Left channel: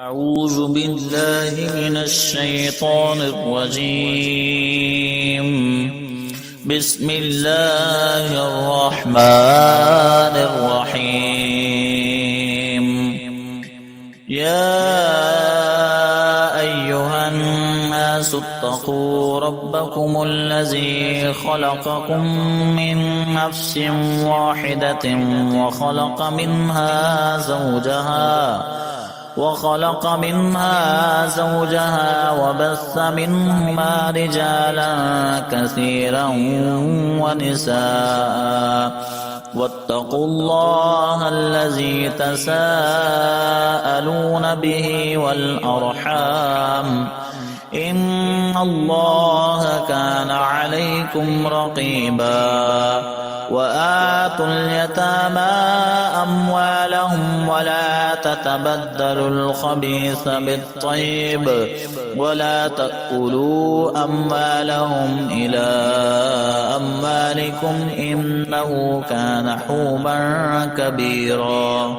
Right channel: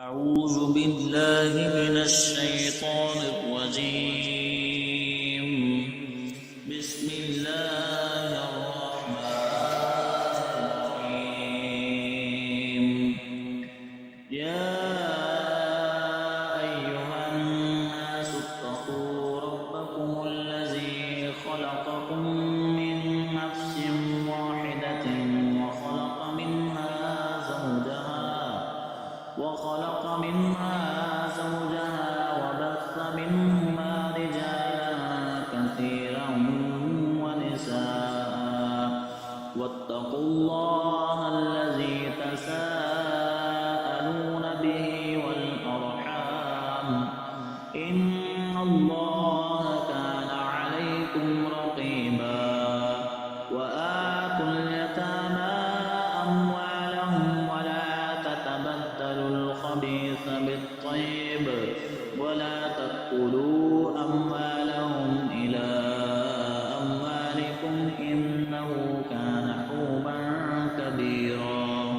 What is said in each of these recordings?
أعوذ بالله من الشيطان الرجيم. بسم الله الرحمن الرحيم. يا أيها الناس اتقوا ربكم الذي خلقكم من نفس واحدة وخلق منها زوجها وبث منهما رجالا كثيرا ونساء واتقوا الله الذي تساءلون به والأرحام إن الله كان عليكم رقيبا. وآتوا اليتامى أموالهم ولا تتبدلوا الخبيث بالطيب ولا تأكلوا أموالهم إلى أموالكم إنه كان حوبا كبيرا.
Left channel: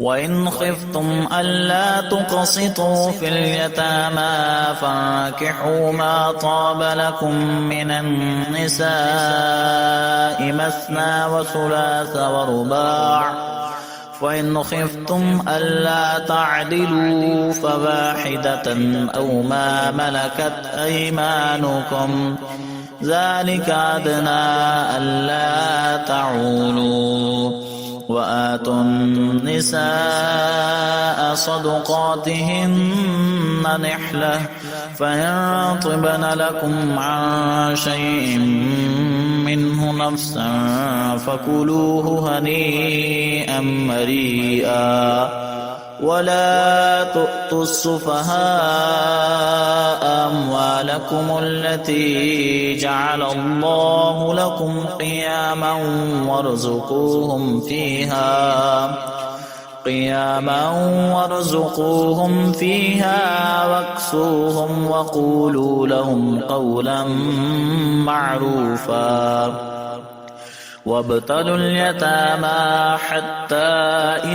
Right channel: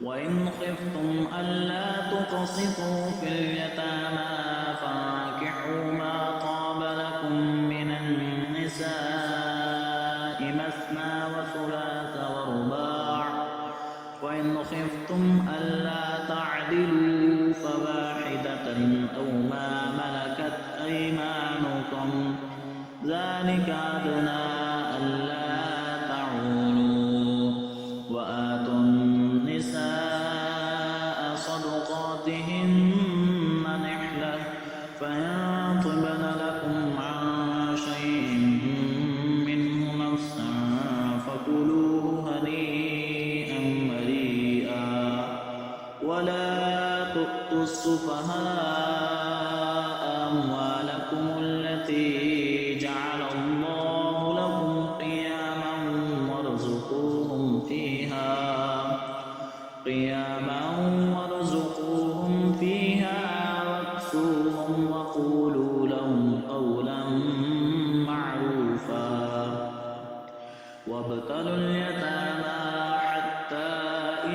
وإن خفتم ألا تقسطوا في اليتامى فانكحوا ما طاب لكم من النساء مثنى وثلاث ورباع، فإن خفتم ألا تعدلوا فواحدة أو ما ملكت أيمانكم ذلك أدنى ألا تعولوا. وآتوا النساء صدقاتهن نحلة فإن طبن لكم عن شيء منه نفسا فكلوه هنيئا مريئا. ولا تؤتوا السفهاء أموالكم التي جعل الله لكم قياما وارزقوهم فيها واكسوهم وقولوا لهم قولا معروفا. وابتلوا اليتامى حتى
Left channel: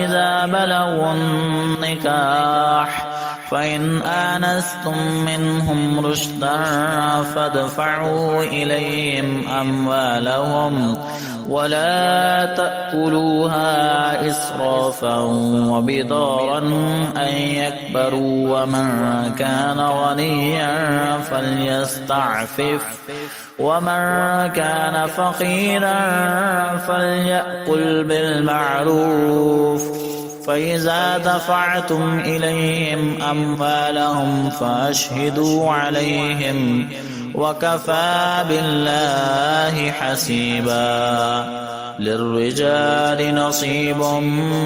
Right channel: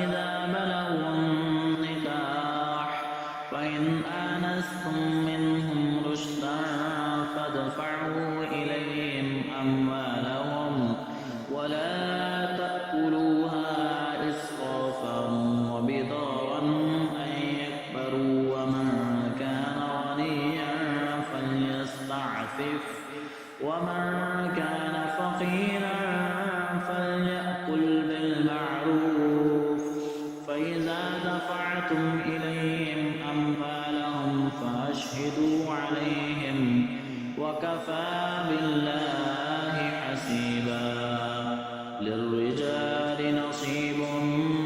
إذا بلغوا النكاح فإن آنستم منهم رشدا فادفعوا إليهم أموالهم ولا تأكلوها إسرافا وبدارا أن يكبروا. ومن كان غنيا فليستعفف ومن كان فقيرا فليأكل بالمعروف. فإذا دفعتم إليهم أموالهم فأشهدوا عليهم وكفى بالله حسيبا. للرجال نصيب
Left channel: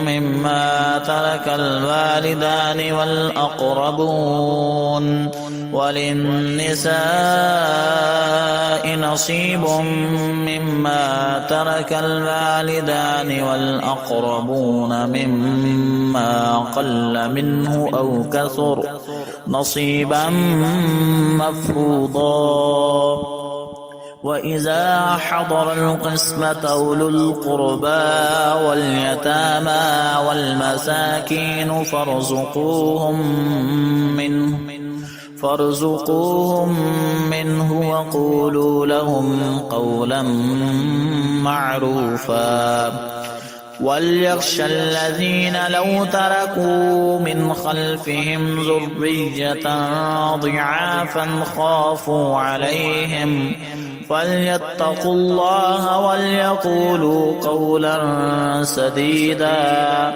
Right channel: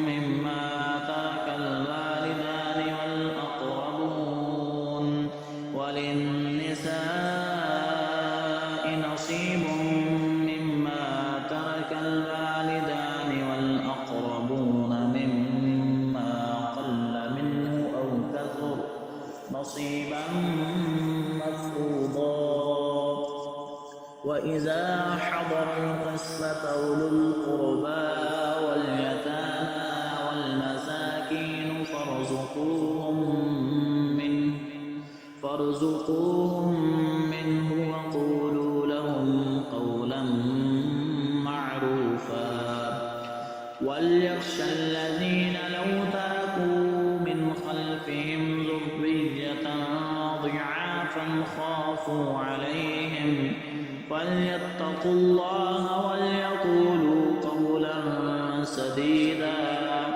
مما ترك الوالدان والأقربون وللنساء نصيب مما ترك الوالدان والأقربون مما قل منه أو كثر نصيبا مفروضا. وإذا حضر القسمة أولو القربى واليتامى والمساكين فارزقوهم منه وقولوا لهم قولا معروفا. وليخشى الذين لو تركوا من خلفهم ذرية ضعافا خافوا عليهم فليتقوا الله وليقولوا قولا سديدا.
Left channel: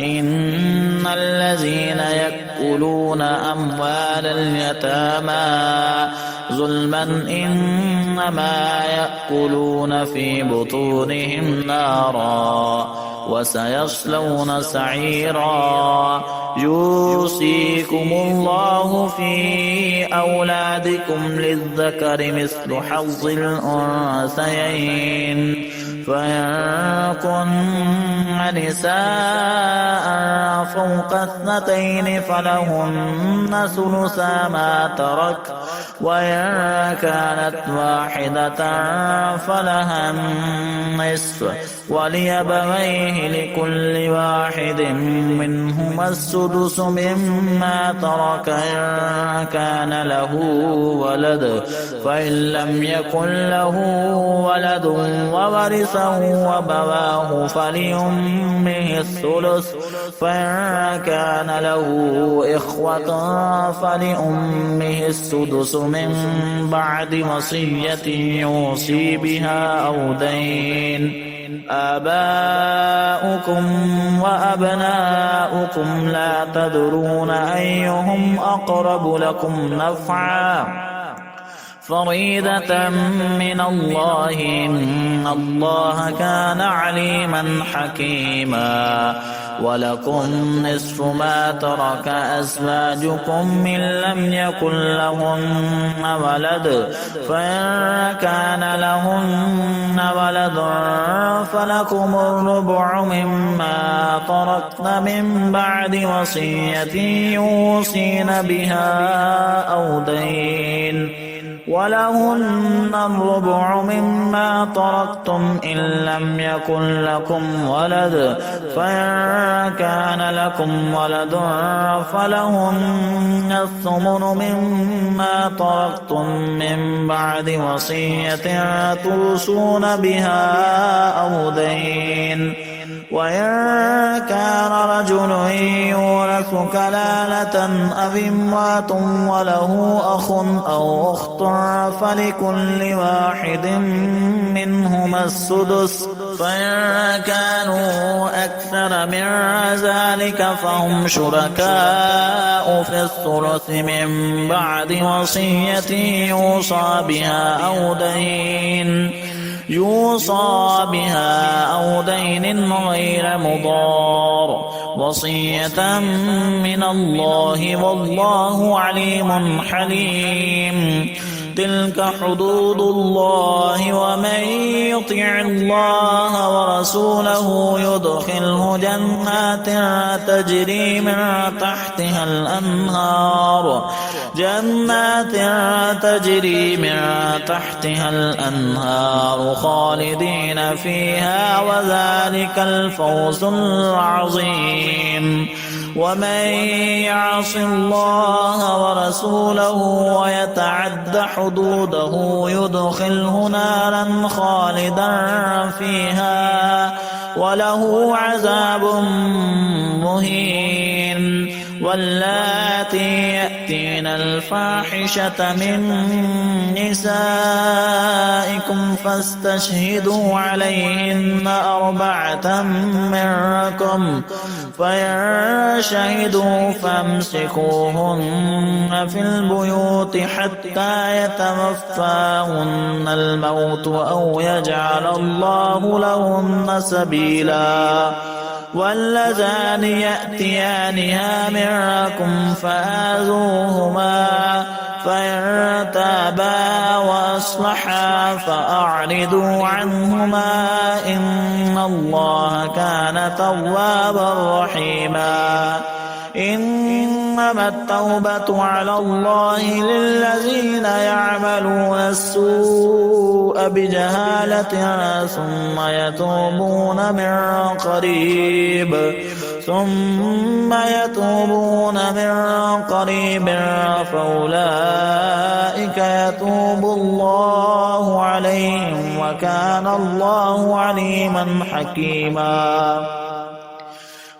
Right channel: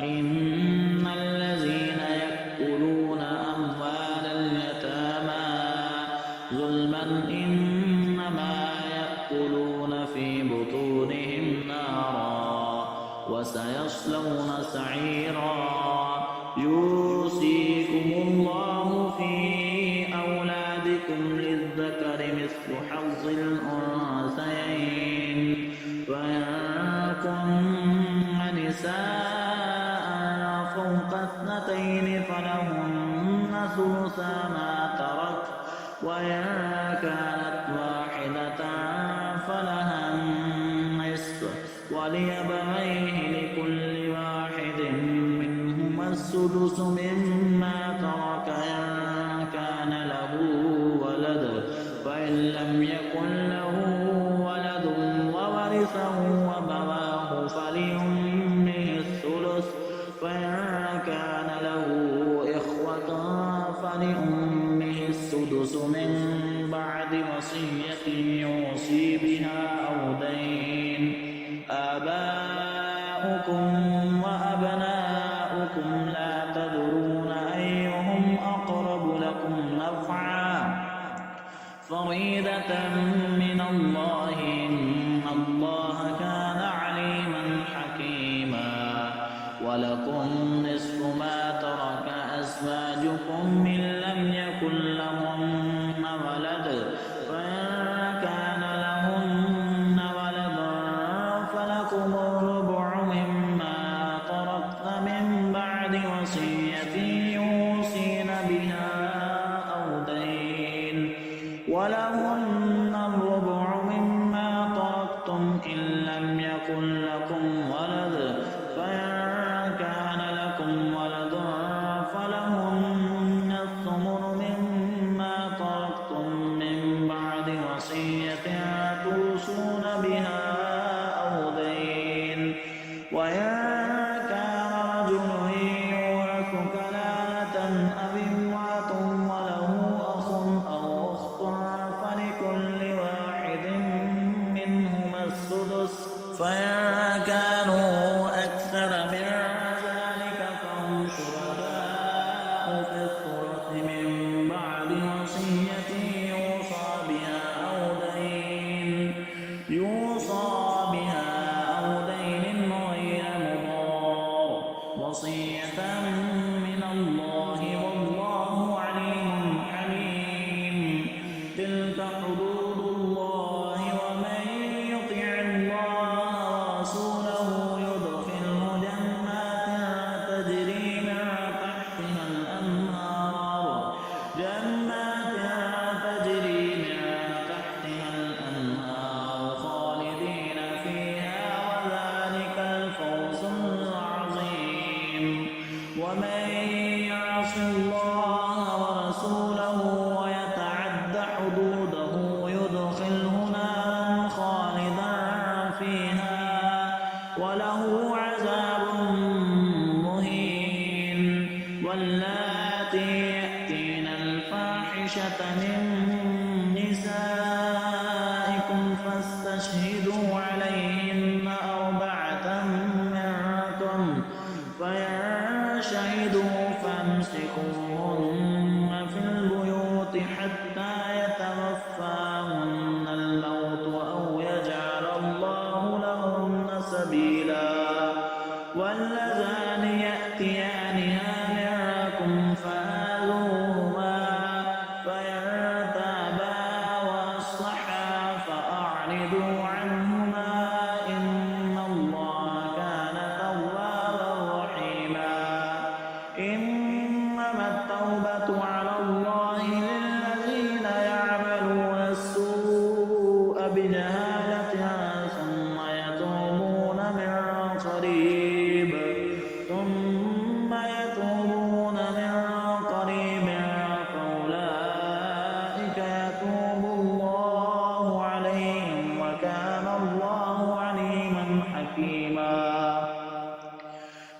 إن الذين يأكلون أموال اليتامى ظلما إنما يأكلون في بطونهم نارا وسيصلون سعيرا. يوصيكم الله في أولادكم أحدكم للذكر مثل حظ الأنثيين فإن كن نساء فوق 2 فلهن ثلثا ما ترك وإن كانت واحدة فلها النصف ولأبويه لكل واحد منهما السدس مما ترك إن كان له ولد فإن لم يكن له ولد وورثه أبواه فلأمه الثلث فإن كان له إخوة فلأمه السدس من بعد وصية يوصي بها أو دين. آباؤكم وأبناؤكم لا تدرون أيهم أقرب لكم نفعا فريضة من الله إن الله كان عليما حكيما. ولكم نصف ما ترك أزواجكم إن لم يكن لهن ولد فإن كان لهن ولد فلكم الربع مما تركن من بعد وصية يوصين بها أو دين ولهن الربع مما تركتم إن لم يكن لكم ولد فإن كان لكم ولد فلهن الثمن مما تركتم من بعد وصية توصون بها أو دين. وإن كان رجل يورث كلالة أو امرأة وله أخ أو أخت فلكل واحد منهما السدس فإن كانوا أكثر من ذلك فهم شركاء في الثلث من بعد وصية يوصى بها أو دين غير مضار وصية من الله والله عليم حليم. تلك حدود الله ومن يطع الله ورسوله يدخله جنات تجري من تحتها الأنهار خالدين فيها وذلك الفوز العظيم. ومن يعص الله ورسوله ويتعد حدوده يدخله نارا خالدا فيها وله عذاب مهين. واللاتي يأتين الفاحشة من نسائكم فاستشهدوا عليهن 4 منكم فإن شهدوا فامسكوهن في البيوت حتى يتوفاهن الموت أو يجعل الله لهن سبيلا. واللذان يأتيانها منكم فآذوهما فإن تابا وأصلحا فأعرضوا عنهما إن الله كان توابا رحيما. إنما التوبة على الله للذين يعملون السوء بجهالة ثم يتوبون من قريب فأولئك يتوب الله عليهم وكان الله عليما حكيما.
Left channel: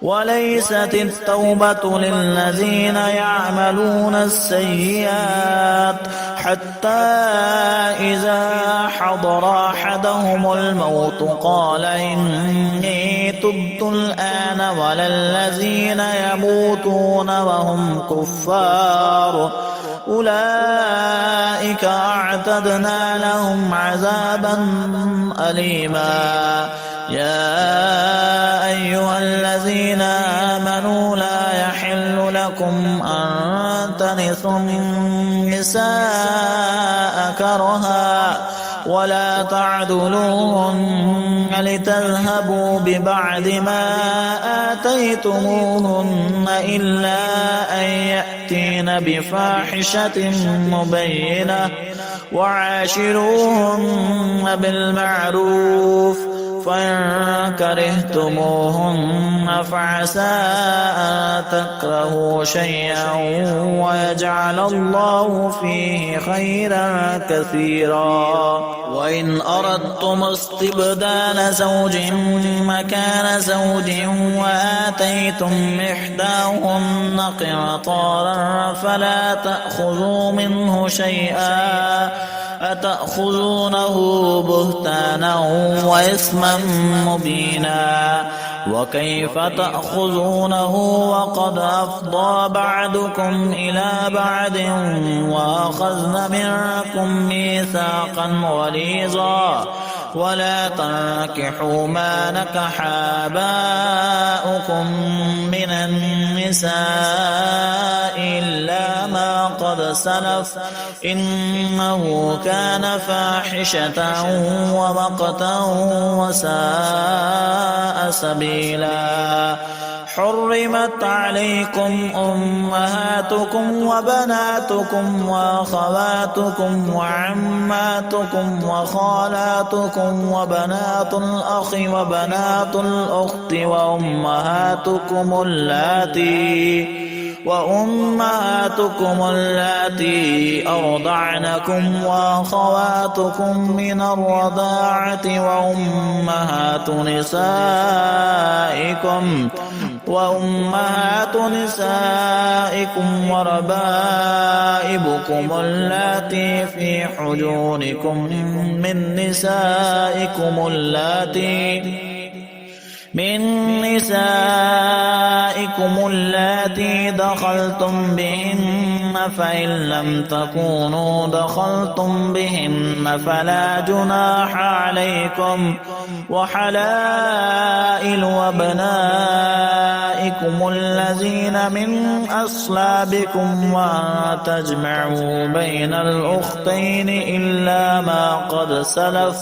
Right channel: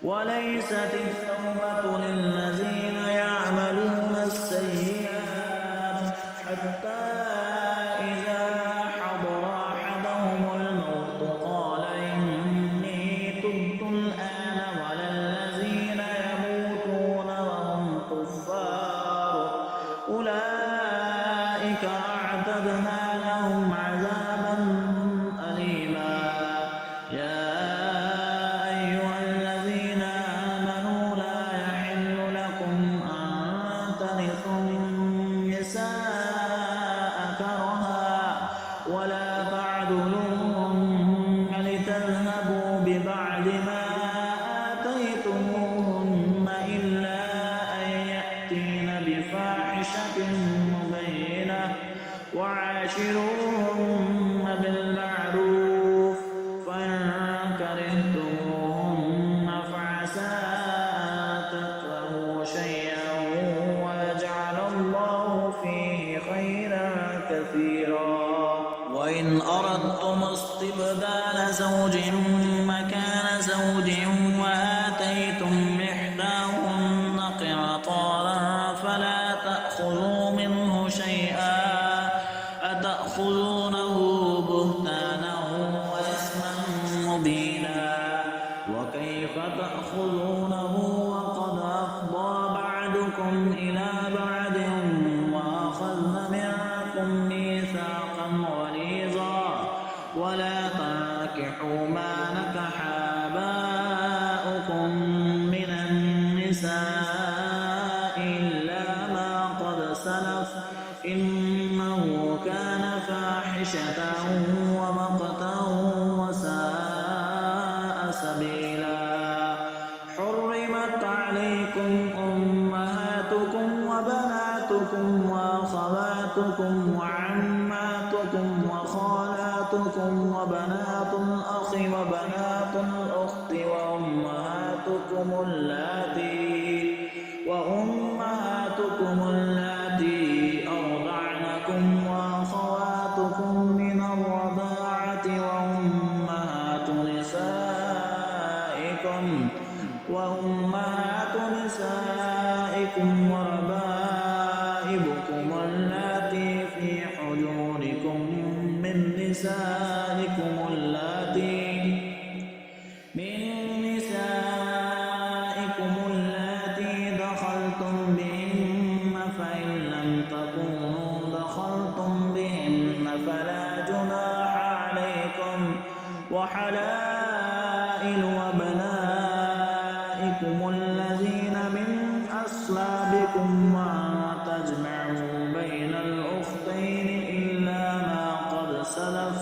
وليست التوبة للذين يعملون السيئات حتى إذا حضر أحدهم الموت قال إني تبت الآن ولا الذين يموتون وهم كفار أولئك أعتدنا لهم عذابا أليما. يا أيها الذين آمنوا لا يحل لكم أن ترثوا النساء كرها ولا تعضلوهن لتذهبوا ببعض ما آتيتموهن إلا أن يأتين بفاحشة مبينة وعاشروهن بالمعروف فإن كرهتموهن فعسى أن تكرهوا شيئا ويجعل الله فيه خيرا كثيرا. وإن أردتم استبدال زوج مكان زوج وآتيتم إحداهن قنطارا فلا تأخذوا منه شيئا أتأخذونه بهتانا وإثما مبينا وكيف تأخذونه وقد أفضى بعضكم إلى بعض وأخذن منكم ميثاقا غليظا ولا تنكحوا ما نكح آباؤكم من النساء إلا ما قد سلف إنه كان فاحشة ومقتا وساء سبيلا. حرمت عليكم أمهاتكم وبناتكم وأخواتكم وعماتكم وخالاتكم وبنات الأخ وبنات الأخت وأمهاتكم اللاتي أرضعنكم وأخواتكم من الرضاعة وأمهات نسائكم وربائبكم اللاتي في حجوركم من نسائكم اللاتي دخلتم بهن فإن لم تكونوا دخلتم بهن فلا جناح عليكم وحلائل أبنائكم الذين من أصلابكم وأن تجمعوا بين الأختين إلا ما قد سلف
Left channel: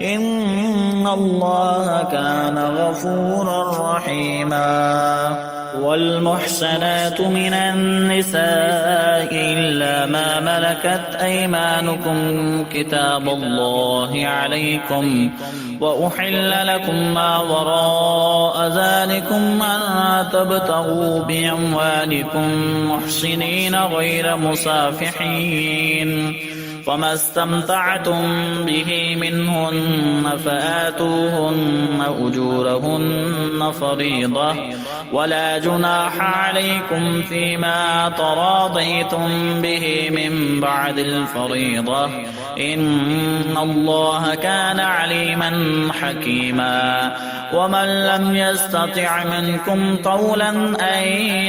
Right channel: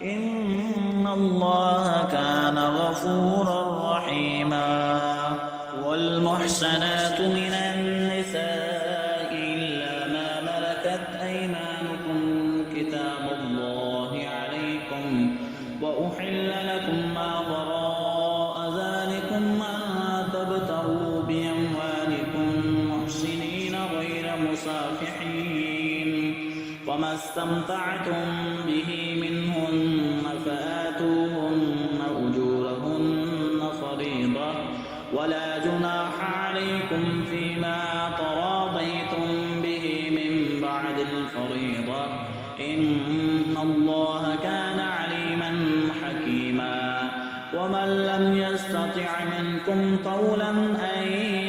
إن الله كان غفورا رحيما. والمحصنات من النساء إلا ما ملكت أيمانكم كتاب الله عليكم وأحل لكم ما وراء ذلكم أن تبتغوا بأموالكم محصنين غير مسافحين فما استمتعتم به منهن فآتوهن أجورهن فريضة ولا جناح عليكم فيما تراضيتم به من بعد الفريضة إن الله كان عليما حكيما. ومن لم يستطع منكم طولا أن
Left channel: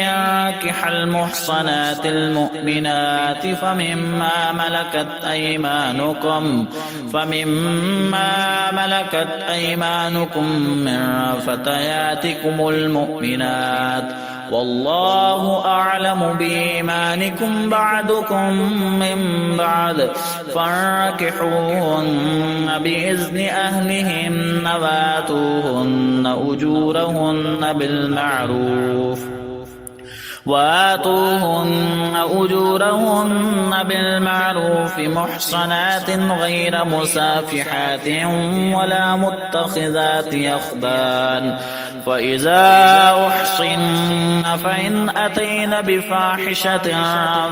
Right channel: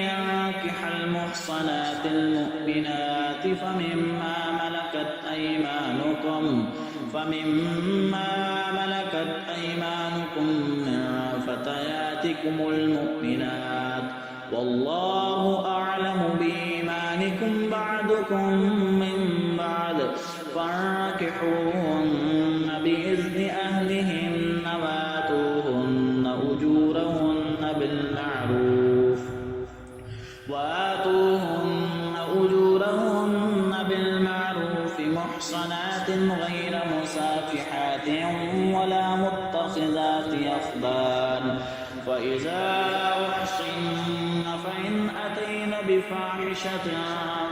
ينكح المحصنات المؤمنات فمما ملكت أيمانكم من فتياتكم المؤمنات والله أعلم بإيمانكم بعضكم من بعض فانكحوهن بإذن أهلهن وآتوهن أجورهن بالمعروف محصنات غير مسافحات ولا متخذات أخدان فإذا أحصن فإن أتين بفاحشة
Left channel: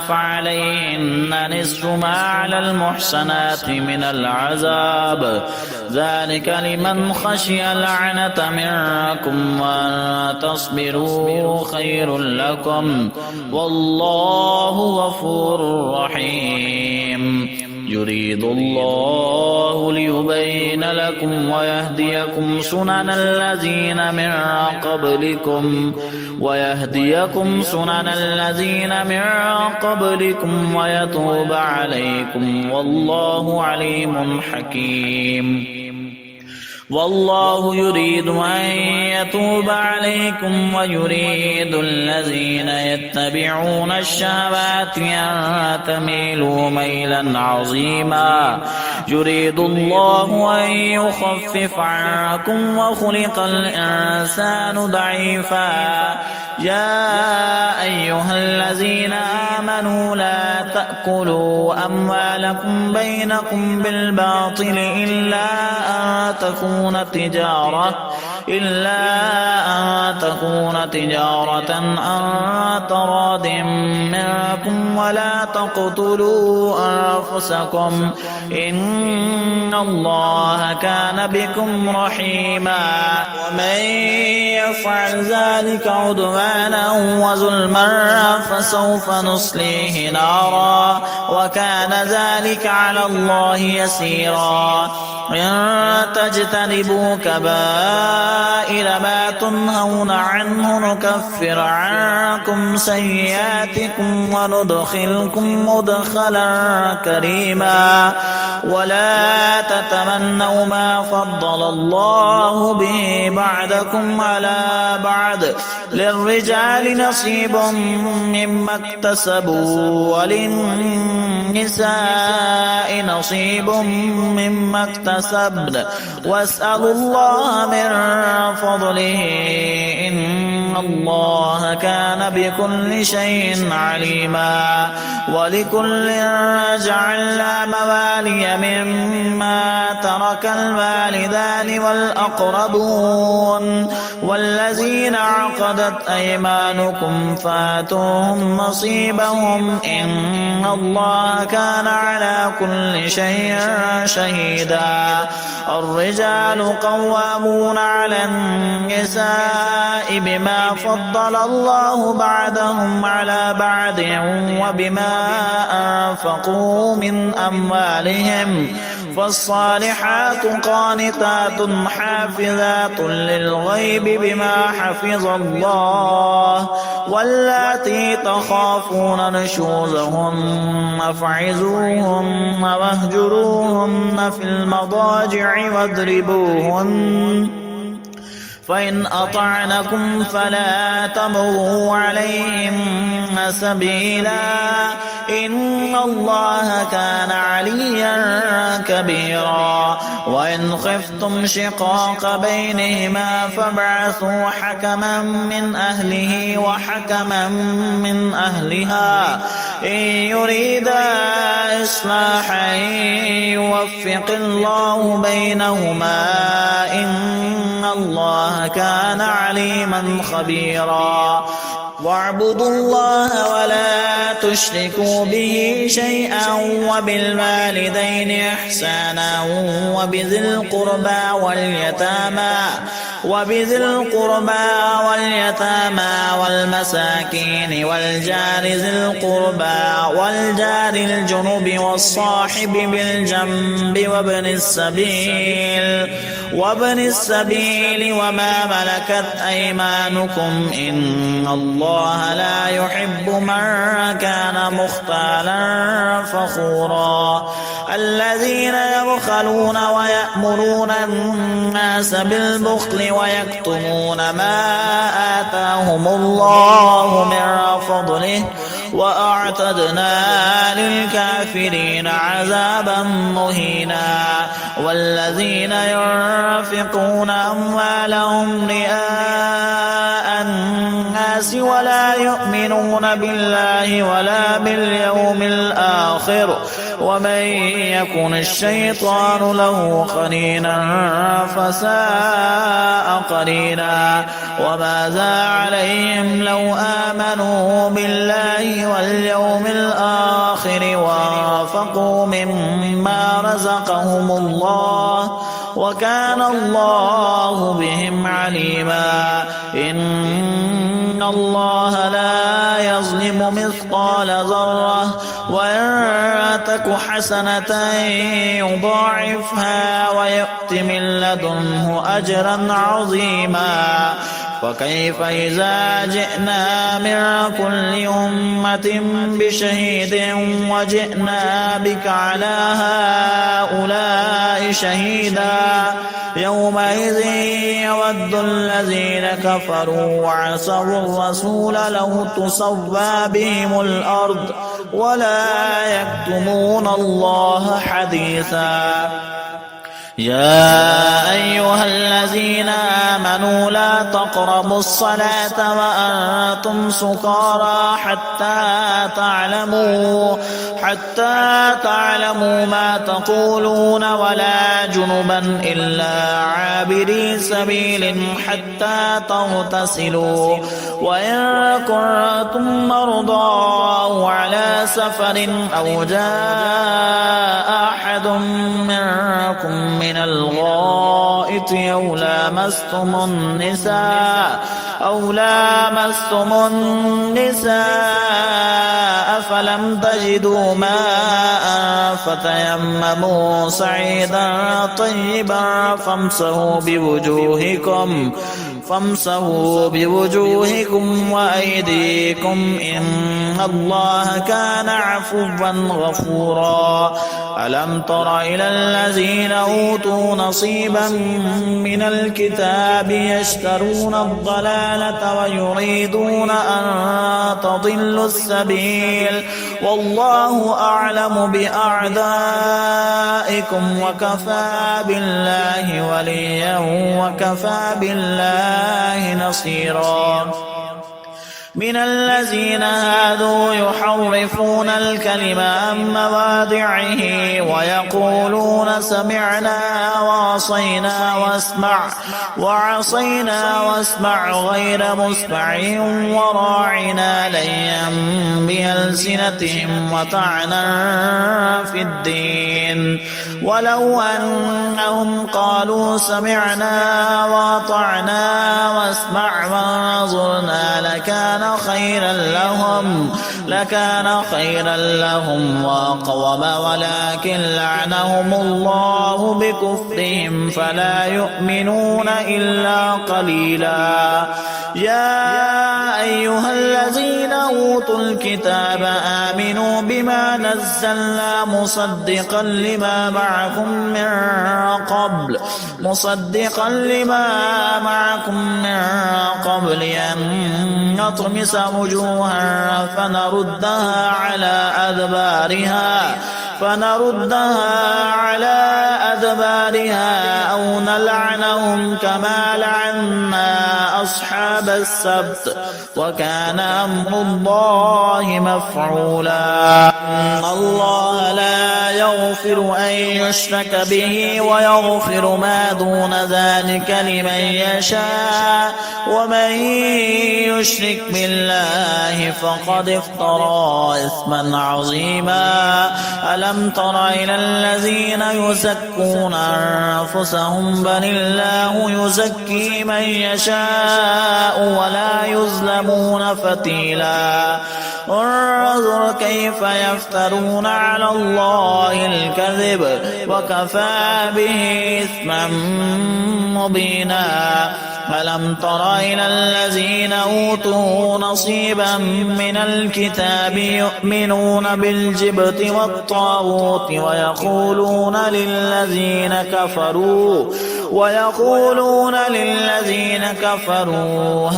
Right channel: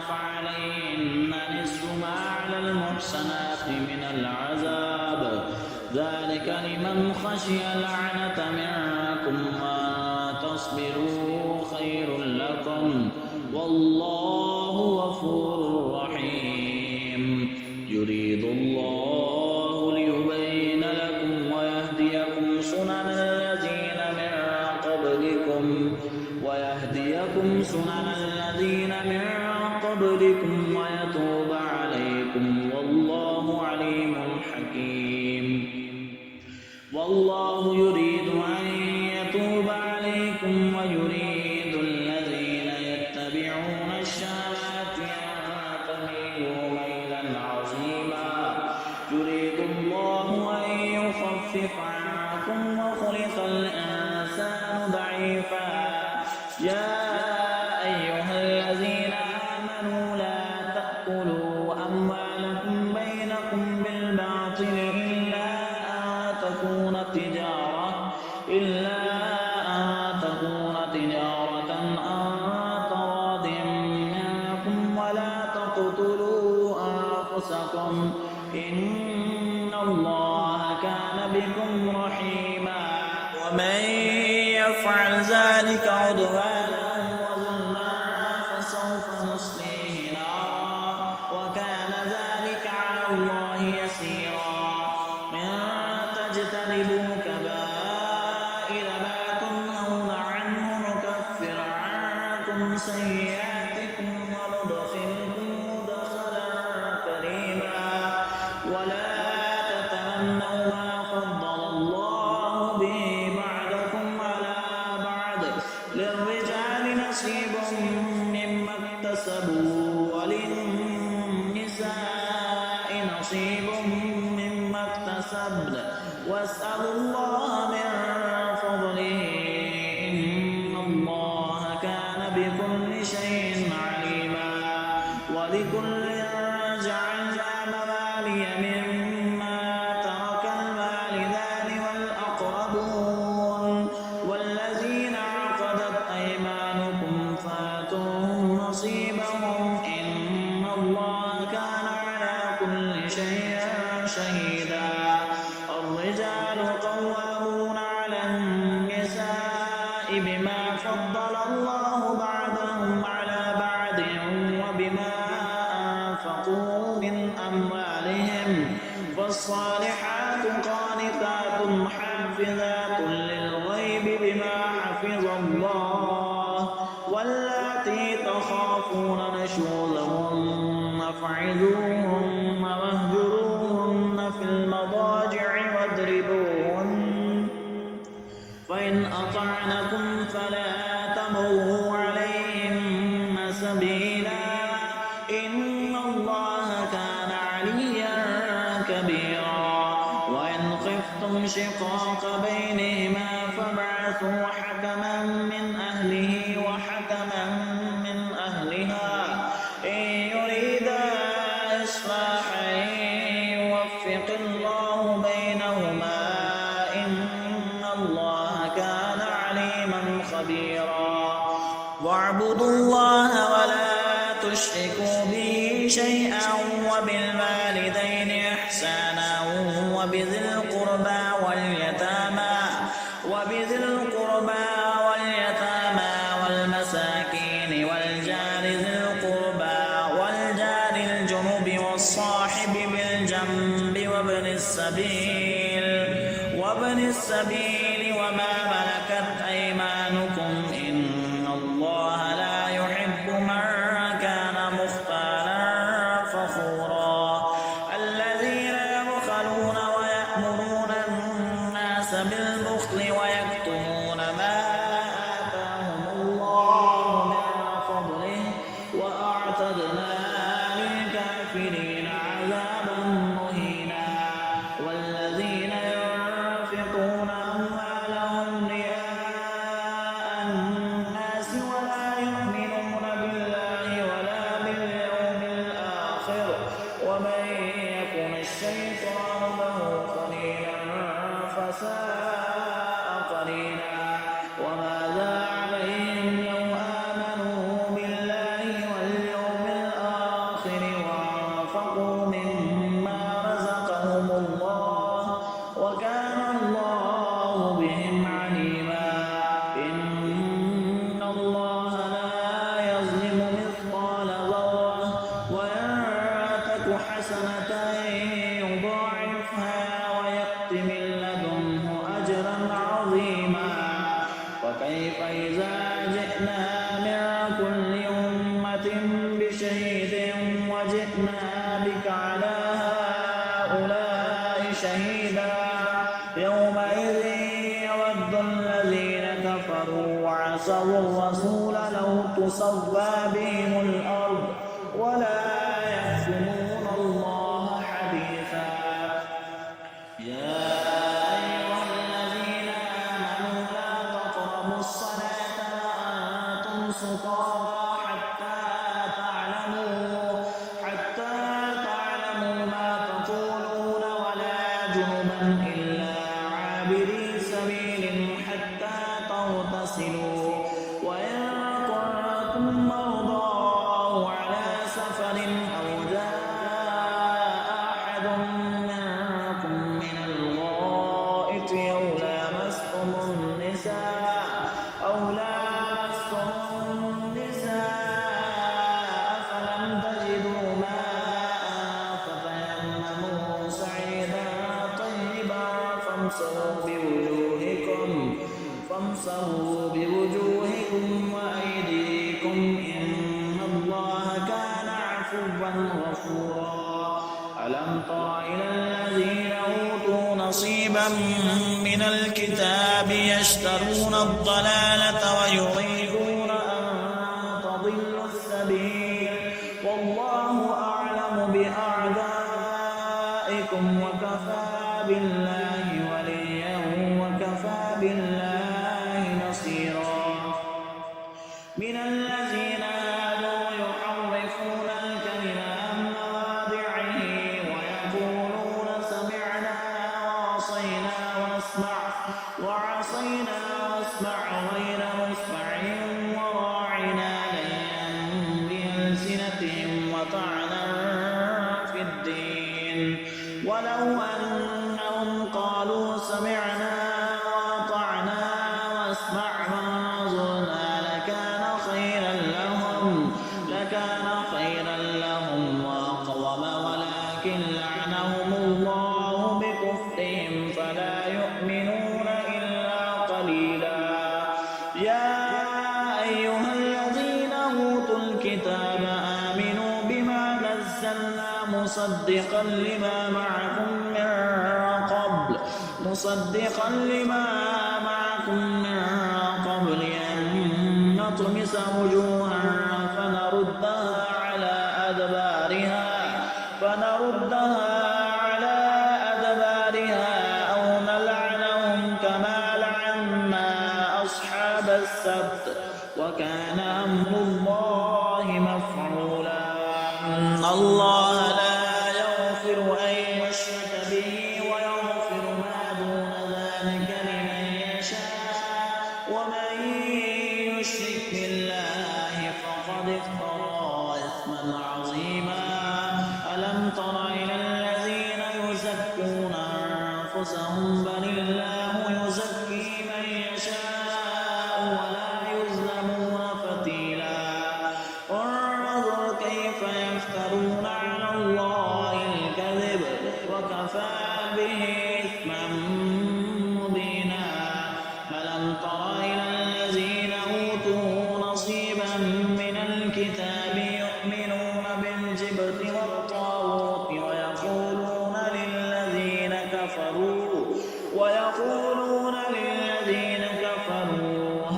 فعليهن نصف ما على المحصنات من العذاب ذلك لمن خشي العنة منكم وأن تصبروا خير لكم والله غفور رحيم. يريد الله ليبين لكم ويهديكم سنن الذين من قبلكم ويتوب عليكم والله عليم حكيم. والله يريد أن يتوب عليكم ويريد الذين يتبعون الشهوات أن تميلوا ميلا عظيما يريد الله أن يخفف عنكم وخلق الإنسان ضعيفا يا أيها الذين آمنوا لا تأكلوا أموالكم بينكم بالباطل إلا أن تكون تجارة عن تراض منكم ولا تقتلوا أنفسكم إن الله كان بكم رحيما ومن يفعل ذلك عدوانا وظلما فسوف نصليه نارا وكان ذلك على الله يسيرا إن تجتنبوا كبائر ما تنهون عنه نكفر عنكم سيئاتكم وندخلكم مدخلا كريما ولا تتمنوا ما فضل الله به بعضكم على بعض للرجال نصيب مما اكتسبوا وللنساء نصيب مما اكتسبن واسألوا الله من فضله إن الله كان بكل شيء عليما ولكل جعلنا موالي مما ترك الوالدان والأقربون والذين عقدت أيمانكم فاتوهم نصيبهم إن الله كان على كل شيء شهيدا الرجال قوامون على النساء بما فضل الله بعضهم على بعض وبما أنفقوا من أموالهم فالصالحات قانتات حافظات للغيب بما حفظ الله واللاتي تخافون نشوزهن فاعظوهن واهجروهن في المضاجع واضربوهن فإن أطعنكم فلا تبغوا عليهن سبيلا إن الله كان عليا كبيرا وإن خفتم شقاق بينهما فابعثوا حكما من أهله وحكما من أهلها إن يريدا إصلاحا يوفق الله بينهما إن الله كان عليما خبيرا واعبدوا الله ولا تشركوا به شيئا وبالوالدين إحسانا وبذي القربى واليتامى والمساكين والجار ذي القربى والجار الجنب والصاحب بالجنب وابن السبيل وما ملكت أيمانكم إن الله لا يحب من كان مختالا فخورا الذين يبخلون ويأمرون الناس بالبخل ويكتمون ما آتاهم الله من فضله وأعتدنا للكافرين عذابا مهينا والذين ينفقون أموالهم رئاء الناس ولا يؤمنون بالله ولا باليوم الآخر ومن يكن الشيطان له قرينا فساء قرينا وماذا عليهم لو آمنوا بالله واليوم الآخر وانفقوا مما رزقهم الله وكان الله بهم عليما إن الله لا يظلم مثقال ذرة وإن تك حسنة يضاعفها ويؤت من لدنه أجرا عظيما وكيف إذا جئنا من كل أمة بشهيد وجئنا بك على هؤلاء شهيدا يومئذ يود الذين كفروا وعصوا الرسول لو تسوى بهم الأرض ولا يكتمون الله حديثا. يا أيها الذين آمنوا لا تقربوا الصلاة وأنتم سكارى حتى تعلموا ما تقولون ولا جنبا إلا عابري سبيل حتى تغتسلوا وإن كنتم مرضى أو على سفر أو جاء أحد منكم من الغائط أو لامستم النساء فلم تجدوا ماء فتيمموا صعيدا طيبا فامسحوا بوجوهكم وأيديكم إن الله كان عفوا غفورا. ألم تر إلى الذين أوتوا نصيبا من الكتاب يشترون الضلالة ويريدون أن تضلوا السبيل والله أعلم بأعدائكم وكفى بالله وليا وكفى بالله نصيرا. من الذين هادوا يحرفون الكلم عن مواضعه ويقولون سمعنا وعصينا واسمع غير مسمع وراعنا ليا بألسنتهم وطعنا في الدين ولو أنهم قالوا سمعنا وأطعنا واسمع وانظرنا لكان خيرا لهم وأقوم ولكن لعنهم الله بكفرهم فلا يؤمنون إلا قليلا. يا أيها الذين أوتوا الكتاب آمنوا بما نزلنا مصدقا لما معكم من قبل أن نطمس وجوها فنردها على أدبارها أو نلعنهم كما لعنا أصحاب السبت وكان أمر الله مفعولا. إن الله لا يغفر أن يشرك به ويغفر ما دون ذلك لمن يشاء ومن يشرك بالله فقد افترى إثما عظيما. ألم تر إلى الذين يزكون أنفسهم بل الله يزكي من يشاء ولا يظلمون فتيلا. انظر كيف يفترون على الله الكذب وكفى به إثما مبينا. ألم تر إلى الذين أوتوا نصيبا من الكتاب يؤمنون بالجبت والطاغوت ويقولون للذين كفروا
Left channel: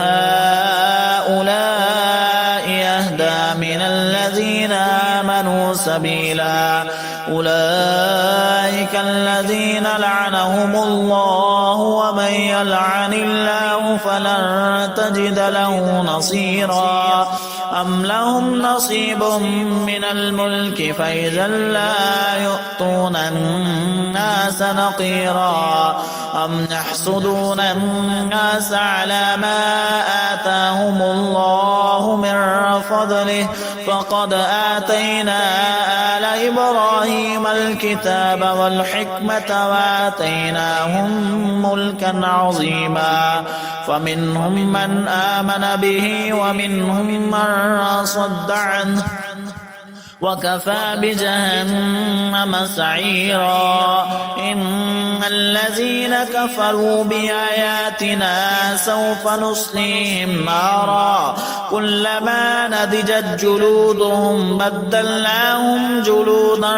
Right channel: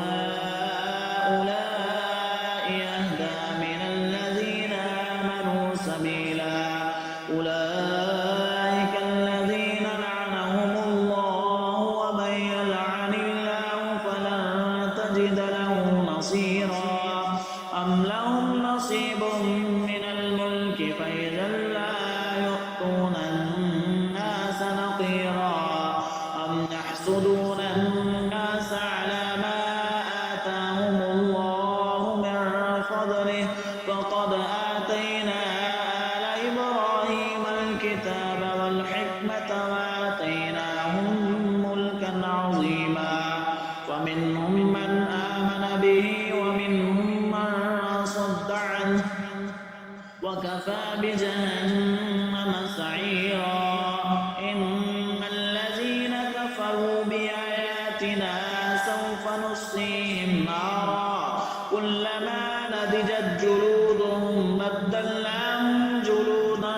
هؤلاء يهدى من الذين آمنوا سبيلا. أولئك الذين لعنهم الله ومن يلعن الله فلن تجد له نصيرا. أم لهم نصيب من الملك فإذا لا يؤتون الناس نقيرا. أم يحسدون الناس على ما آتاهم الله من فضله فقد آتينا آل إبراهيم الكتاب والحكمة وآتيناهم ملكا عظيما. فمنهم من آمن به ومنهم من صد عنه وكفى بجهنم سعيرا. إن الذين كفروا بآياتنا سوف نصليهم نارا كلما نضجت جلودهم بدلناهم جلودا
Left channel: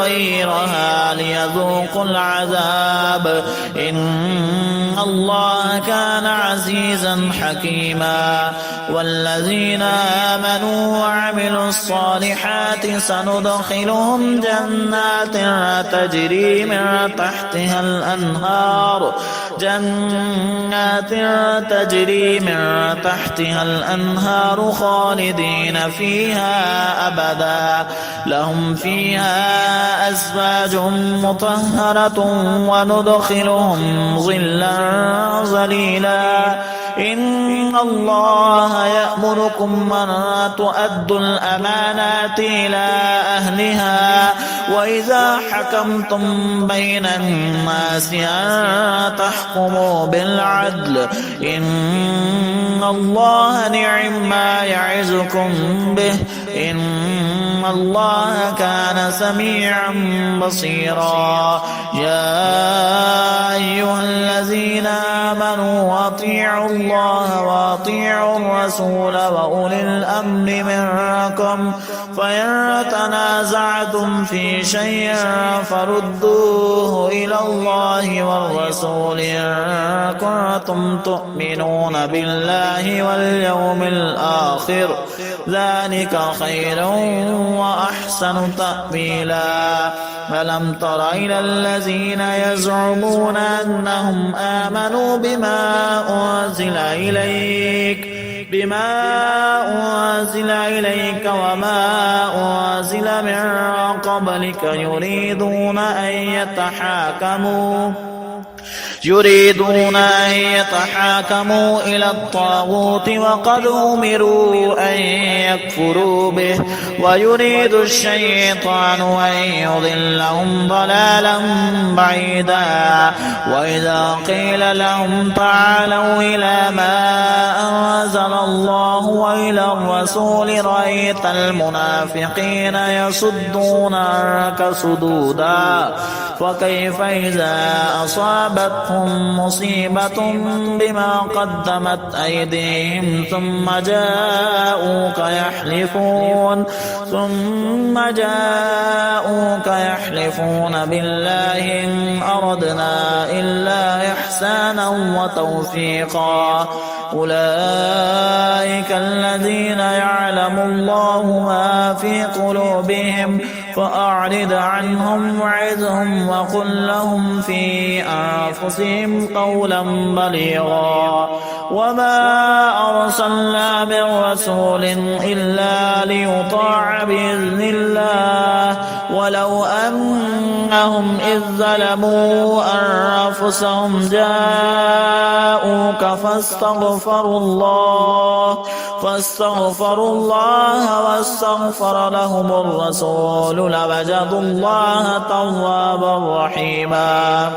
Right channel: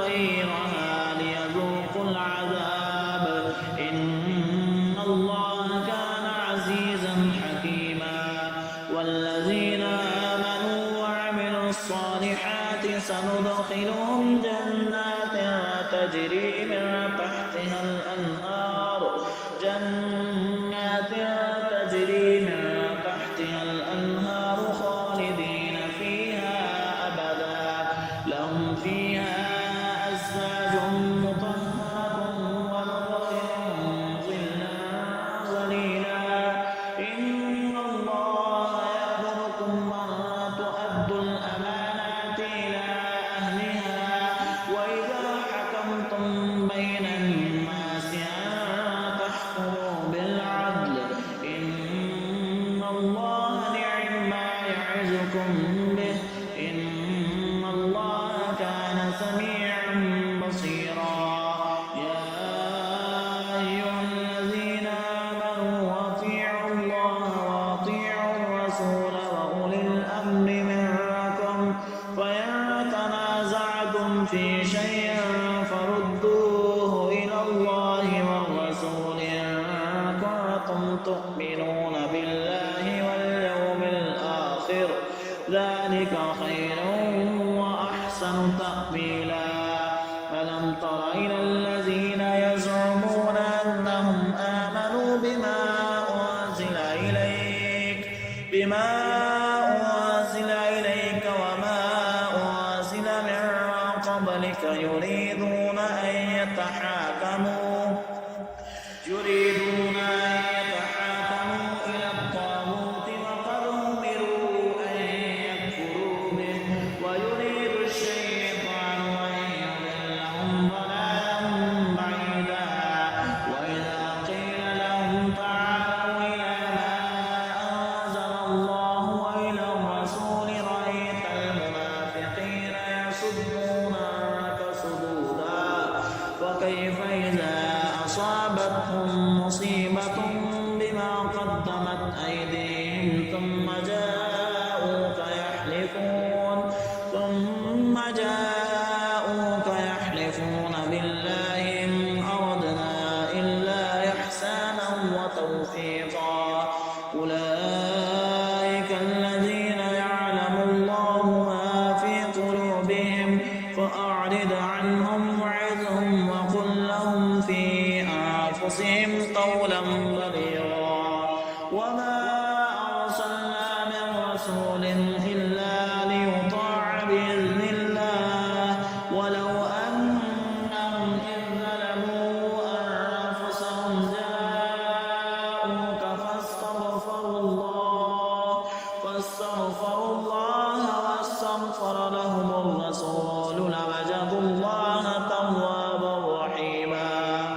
غيرها ليذوقوا العذاب إن الله كان عزيزا حكيما والذين آمنوا وعملوا الصالحات سندخلهم جنات تجري من تحتها الأنهار خالدين فيها أبدا لهم فيها أزواج مطهرة وندخلهم ظلا ظليلا إن الله يأمركم أن تؤدوا الأمانات إلى أهلها وإذا حكمتم بين الناس أن تحكموا بالعدل إن الله نعم ما يعظكم به إن الله كان سميعا بصيرا يا أيها الذين آمنوا أطيعوا الله وأطيعوا الرسول وأولي الأمر منكم فإن تنازعتم في شيء فردوه إلى الله والرسول إن كنتم تؤمنون بالله واليوم الآخر ذلك خير وأحسن تأويلا ألم تر إلى الذين يزعمون أنهم آمنوا بما أنزل إليك وما أنزل من قبلك يريدون أن يتحاكموا إلى الطاغوت وقد أمروا أن يكفروا به ويريد الشيطان أن يضلهم ضلالا بعيدا وإذا قيل لهم تعالوا إلى ما أنزل الله وإلى الرسول رأيت المنافقين يصدون عنك صدودا فكيف إذا أصابتهم مصيبة بما قدمت أيديهم ثم جاءوك يحلفون بالله إن أردنا إلا إحسانا وتوفيقا أولئك الذين يعلم الله ما في قلوبهم فأعرض عنهم وعظهم وقل لهم في أنفسهم قولا بليغا وما أرسلنا من رسول إلا ليطاع بإذن الله ولو أنهم إذ ظلموا أنفسهم جاءوك فاستغفروا الله واستغفر لهم الرسول لوجدوا الله توابا رحيما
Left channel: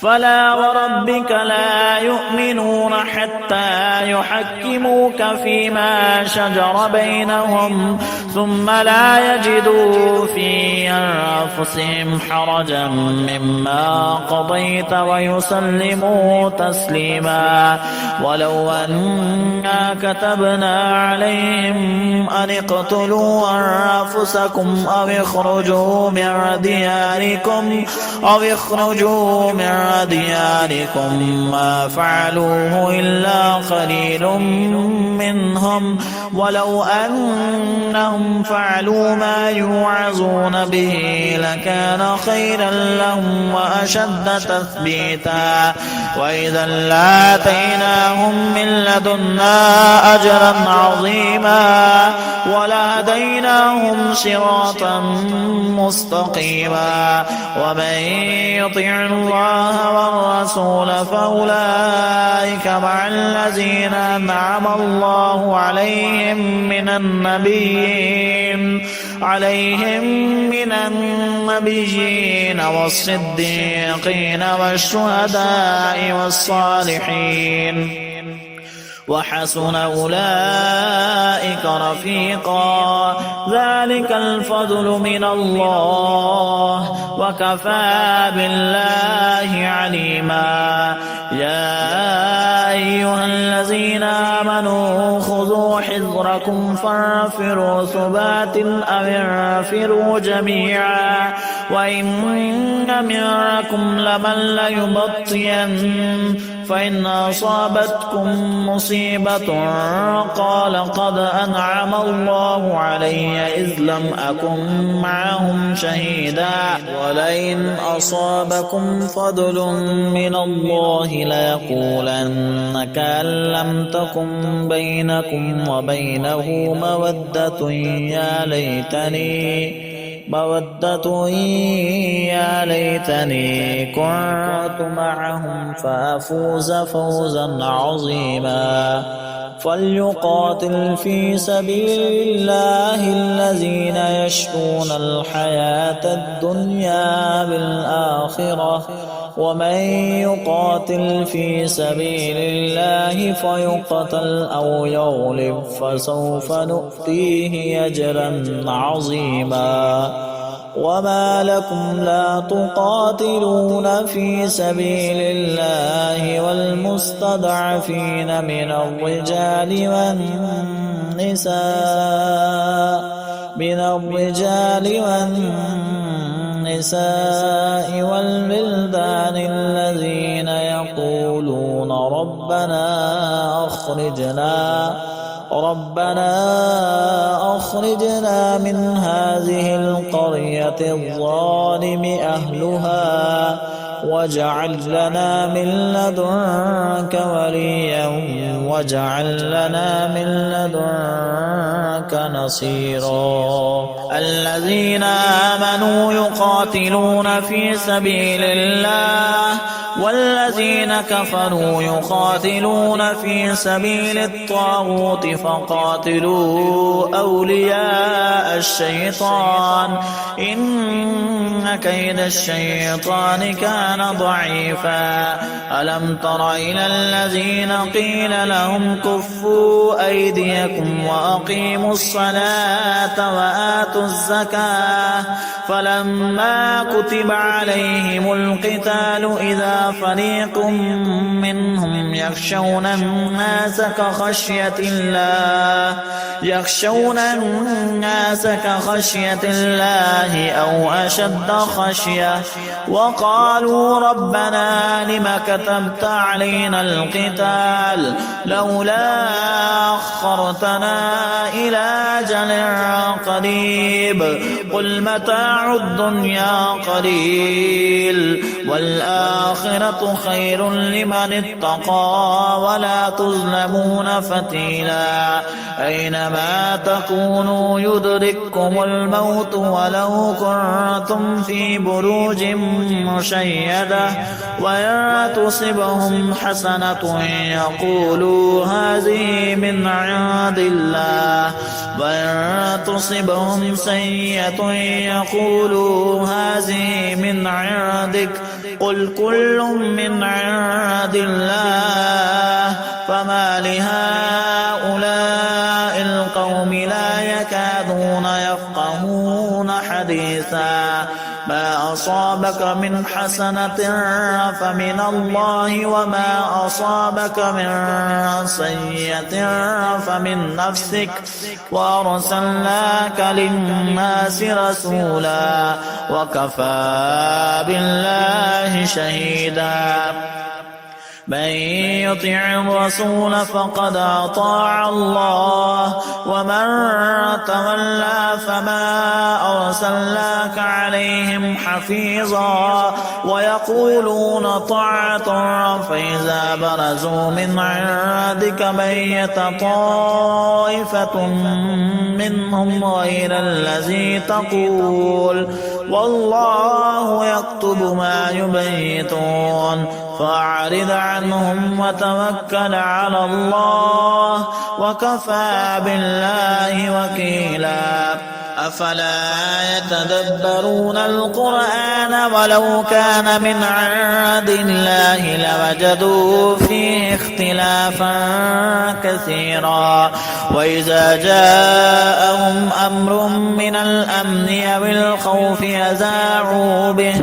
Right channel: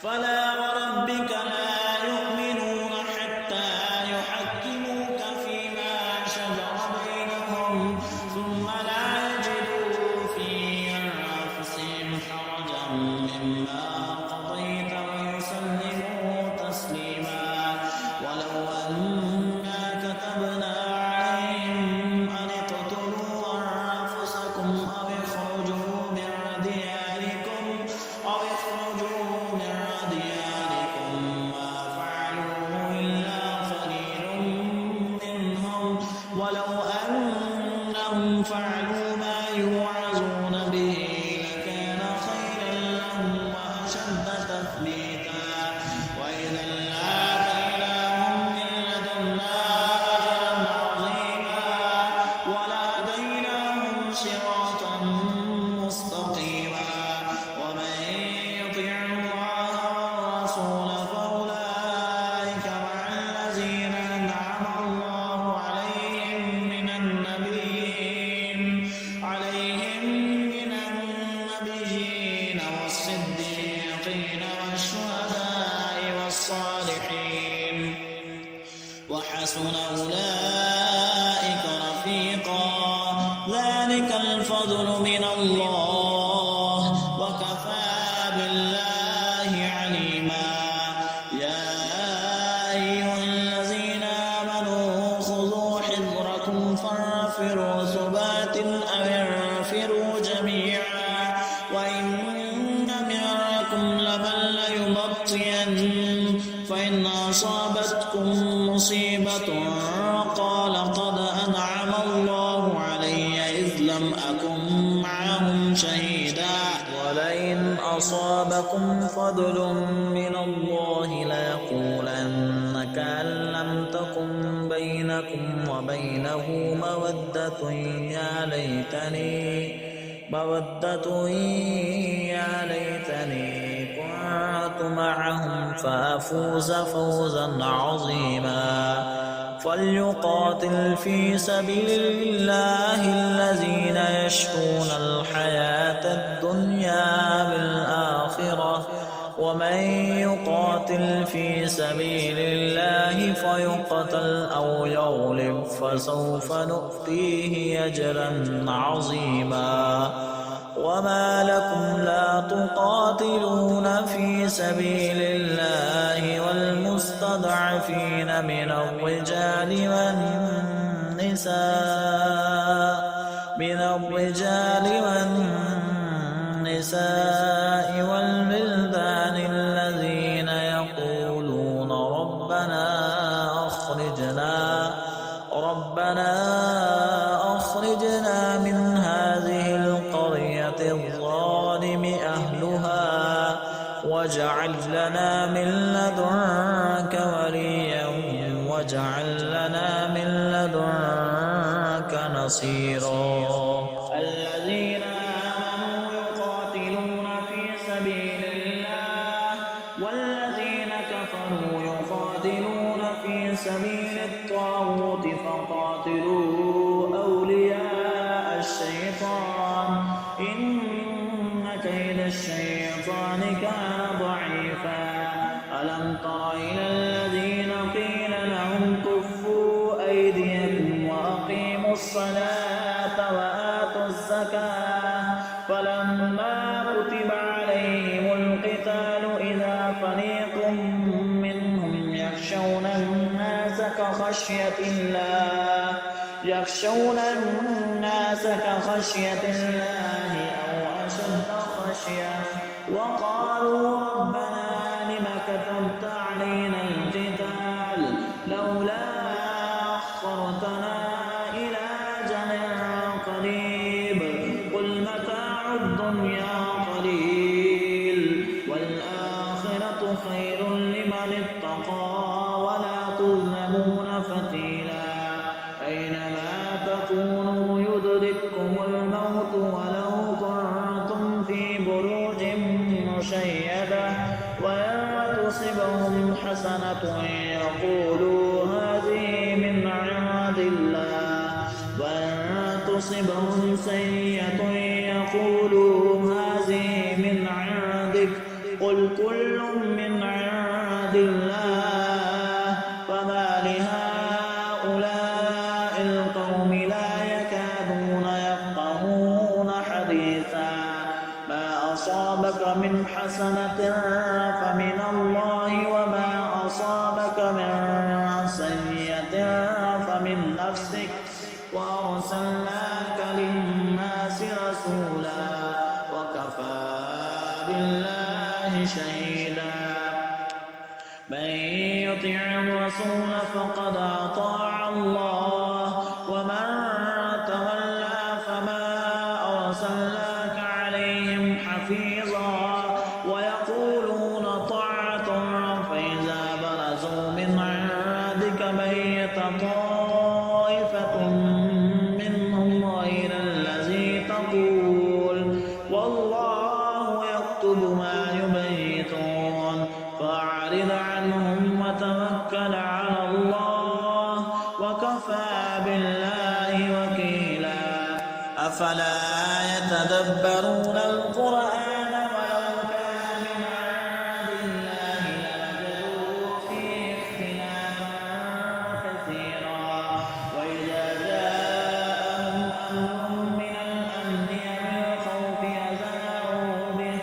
فلا وربك لا يؤمنون حتى يحكموك فيما شجر بينهم ثم لا يجدوا في أنفسهم حرجا مما قضيت ويسلموا تسليما ولو أنا كتبنا عليهم أن اقتلوا أنفسكم أو اخرجوا من دياركم ما فعلوه إلا قليل منهم ولو أنهم فعلوا ما يوعظون به لكان خيرا لهم وأشد تثبيتا وإذا لآتيناهم من لدنا أجرا عظيما ولهديناهم صراطا مستقيما ومن يطع الله والرسول فأولئك مع الذين أنعم الله عليهم من النبيين والصديقين والشهداء والصالحين وحسن أولئك رفيقا ذلك الفضل من الله وكفى بالله عليما يا أيها الذين آمنوا خذوا فانفروا ثبات أو انفروا جميعا وإن منكم لمن ليبطين فإن أصابتكم مصيبة قال قد أنعم الله علي إذ لم أكن معهم شهيدا ولئن أصابكم فضل من الله ليقولن كأن لم تكن بينكم وبينه مودة يا ليتني كنت معهم فأفوز فوزا عظيما فليقاتل في سبيل الله الذين يشرون الحياة الدنيا بالآخرة ومن يقاتل في سبيل الله فيقتل أو يغلب فسوف نؤتيه أجرا عظيما وما لكم لا تقاتلون في سبيل الله والمستضعفين من الرجال والنساء والبلدان الذين يقولون ربنا أخرجنا من هذه القرية الظالم أهلها واجعل لنا من لدنك وليا واجعل لنا من لدنك نصيرا الذين آمنوا يقاتلون في سبيل الله والذين كفروا يقاتلون في سبيل الطاغوت فقاتلوا أولياء الشيطان إن كيد الشيطان كان ضعيفا ألم تر إلى الذين قيل لهم كفوا أيديكم وأقيموا الصلاة وآتوا الزكاة فلما كتب عليهم القتال إذا فريق منهم يخشون الناس كخشية الله أو أشد خشية وقالوا ربنا لم كتبت علينا القتال لولا أخرتنا إلى أجل قريب قل متاع الدنيا قليل والآخرة خير لمن اتقى ولا تظلمون فتيلا أينما تكونوا يدرككم الموت ولو كنتم في بروج مشيدة وإن تصبهم حسنة يقولوا هذه من عند الله وإن تصبهم سيئة يقولوا هذه من عندك قل كل من عند الله فما لهؤلاء القوم لا يكادون يفقهون حديثا ما أصابك من حسنة فمن الله وما أصابك من سيئة فمن نفسك وأرسلناك للناس رسولا وكفى بالله شهيدا من يطع الرسول فقد أطاع الله ومن تولى فما أرسلناك عليهم حفيظا ويقولون طاعة فإذا برزوا من عندك بيت طائفة منهم غير الذي تقول والله يكتب ما يبيتون فأعرض عنهم وتوكل على الله وكفى بالله وكيلا أفلا يتدبرون القرآن ولو كان من عند الله لوجدوا فيه اختلافا كثيرا وإذا جاءهم أمر من الأمن أو الخوف أذاعوا به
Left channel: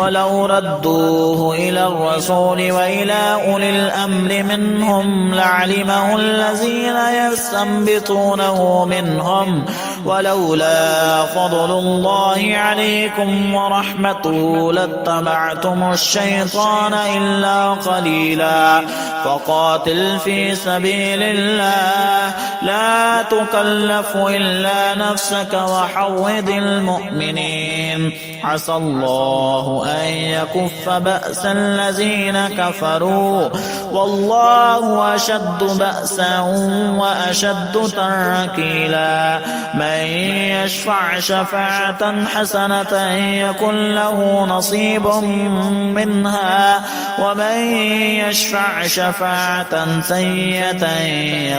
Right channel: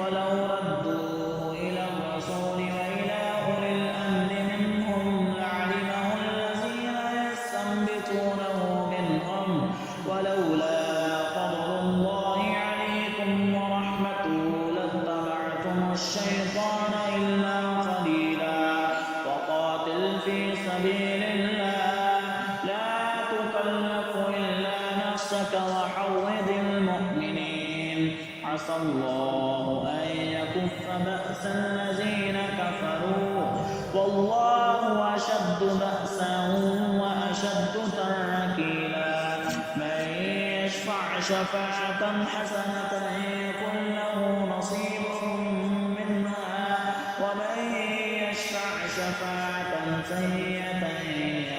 ولو ردوه إلى الرسول وإلى أولي الأمر منهم لعلمه الذين يستنبطونه منهم ولولا فضل الله عليكم ورحمته لاتبعتم الشيطان إلا قليلا فقاتل في سبيل الله لا تكلف إلا نفسك وحرض المؤمنين عسى الله أن يكف بأس الذين كفروا والله أشد بأسا وأشد تنكيلا من يشفع شفاعة حسنة يكن له نصيب منها ومن يشفع شفاعة سيئة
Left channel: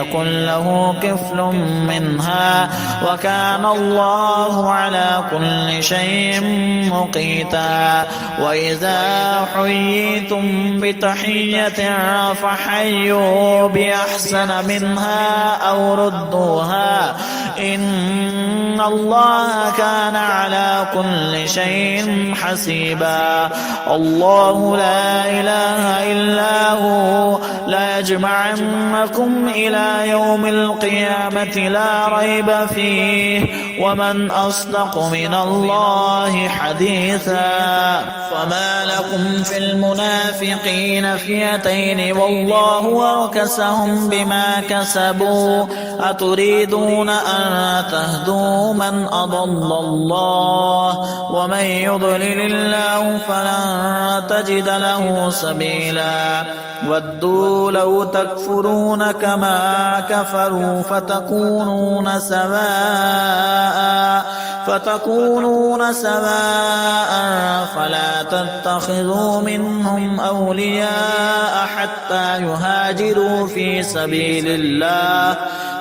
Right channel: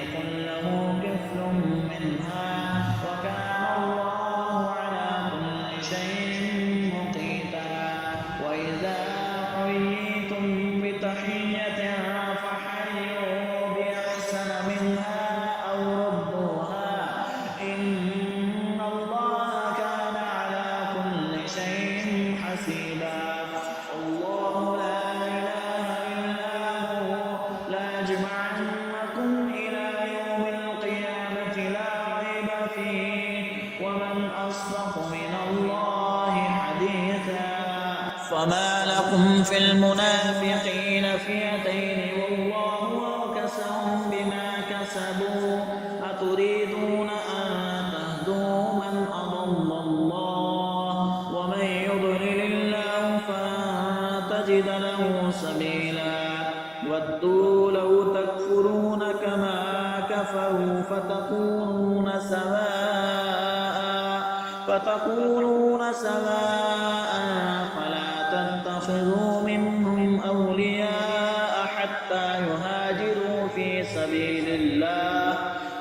يكن له كفل منها وكان الله على كل شيء مقيتا وإذا حييتم بتحية فحيوا بأحسن منها أو ردوها إن الله كان على كل شيء حسيبا الله لا إله إلا هو لا يجمعنكم إلى يوم القيامة لا ريب فيه ومن أصدق من الله حديثا فما لكم في المنافقين فئتين والله أركسهم بما كسبوا أتريدون أن تهدوا من أضل الله ومن يضلل الله فلن تجد له سبيلا ودوا لو تكفرون كما كفروا فتكونون سواء فلا تتخذوا منهم أولياء حتى يهاجروا في سبيل الله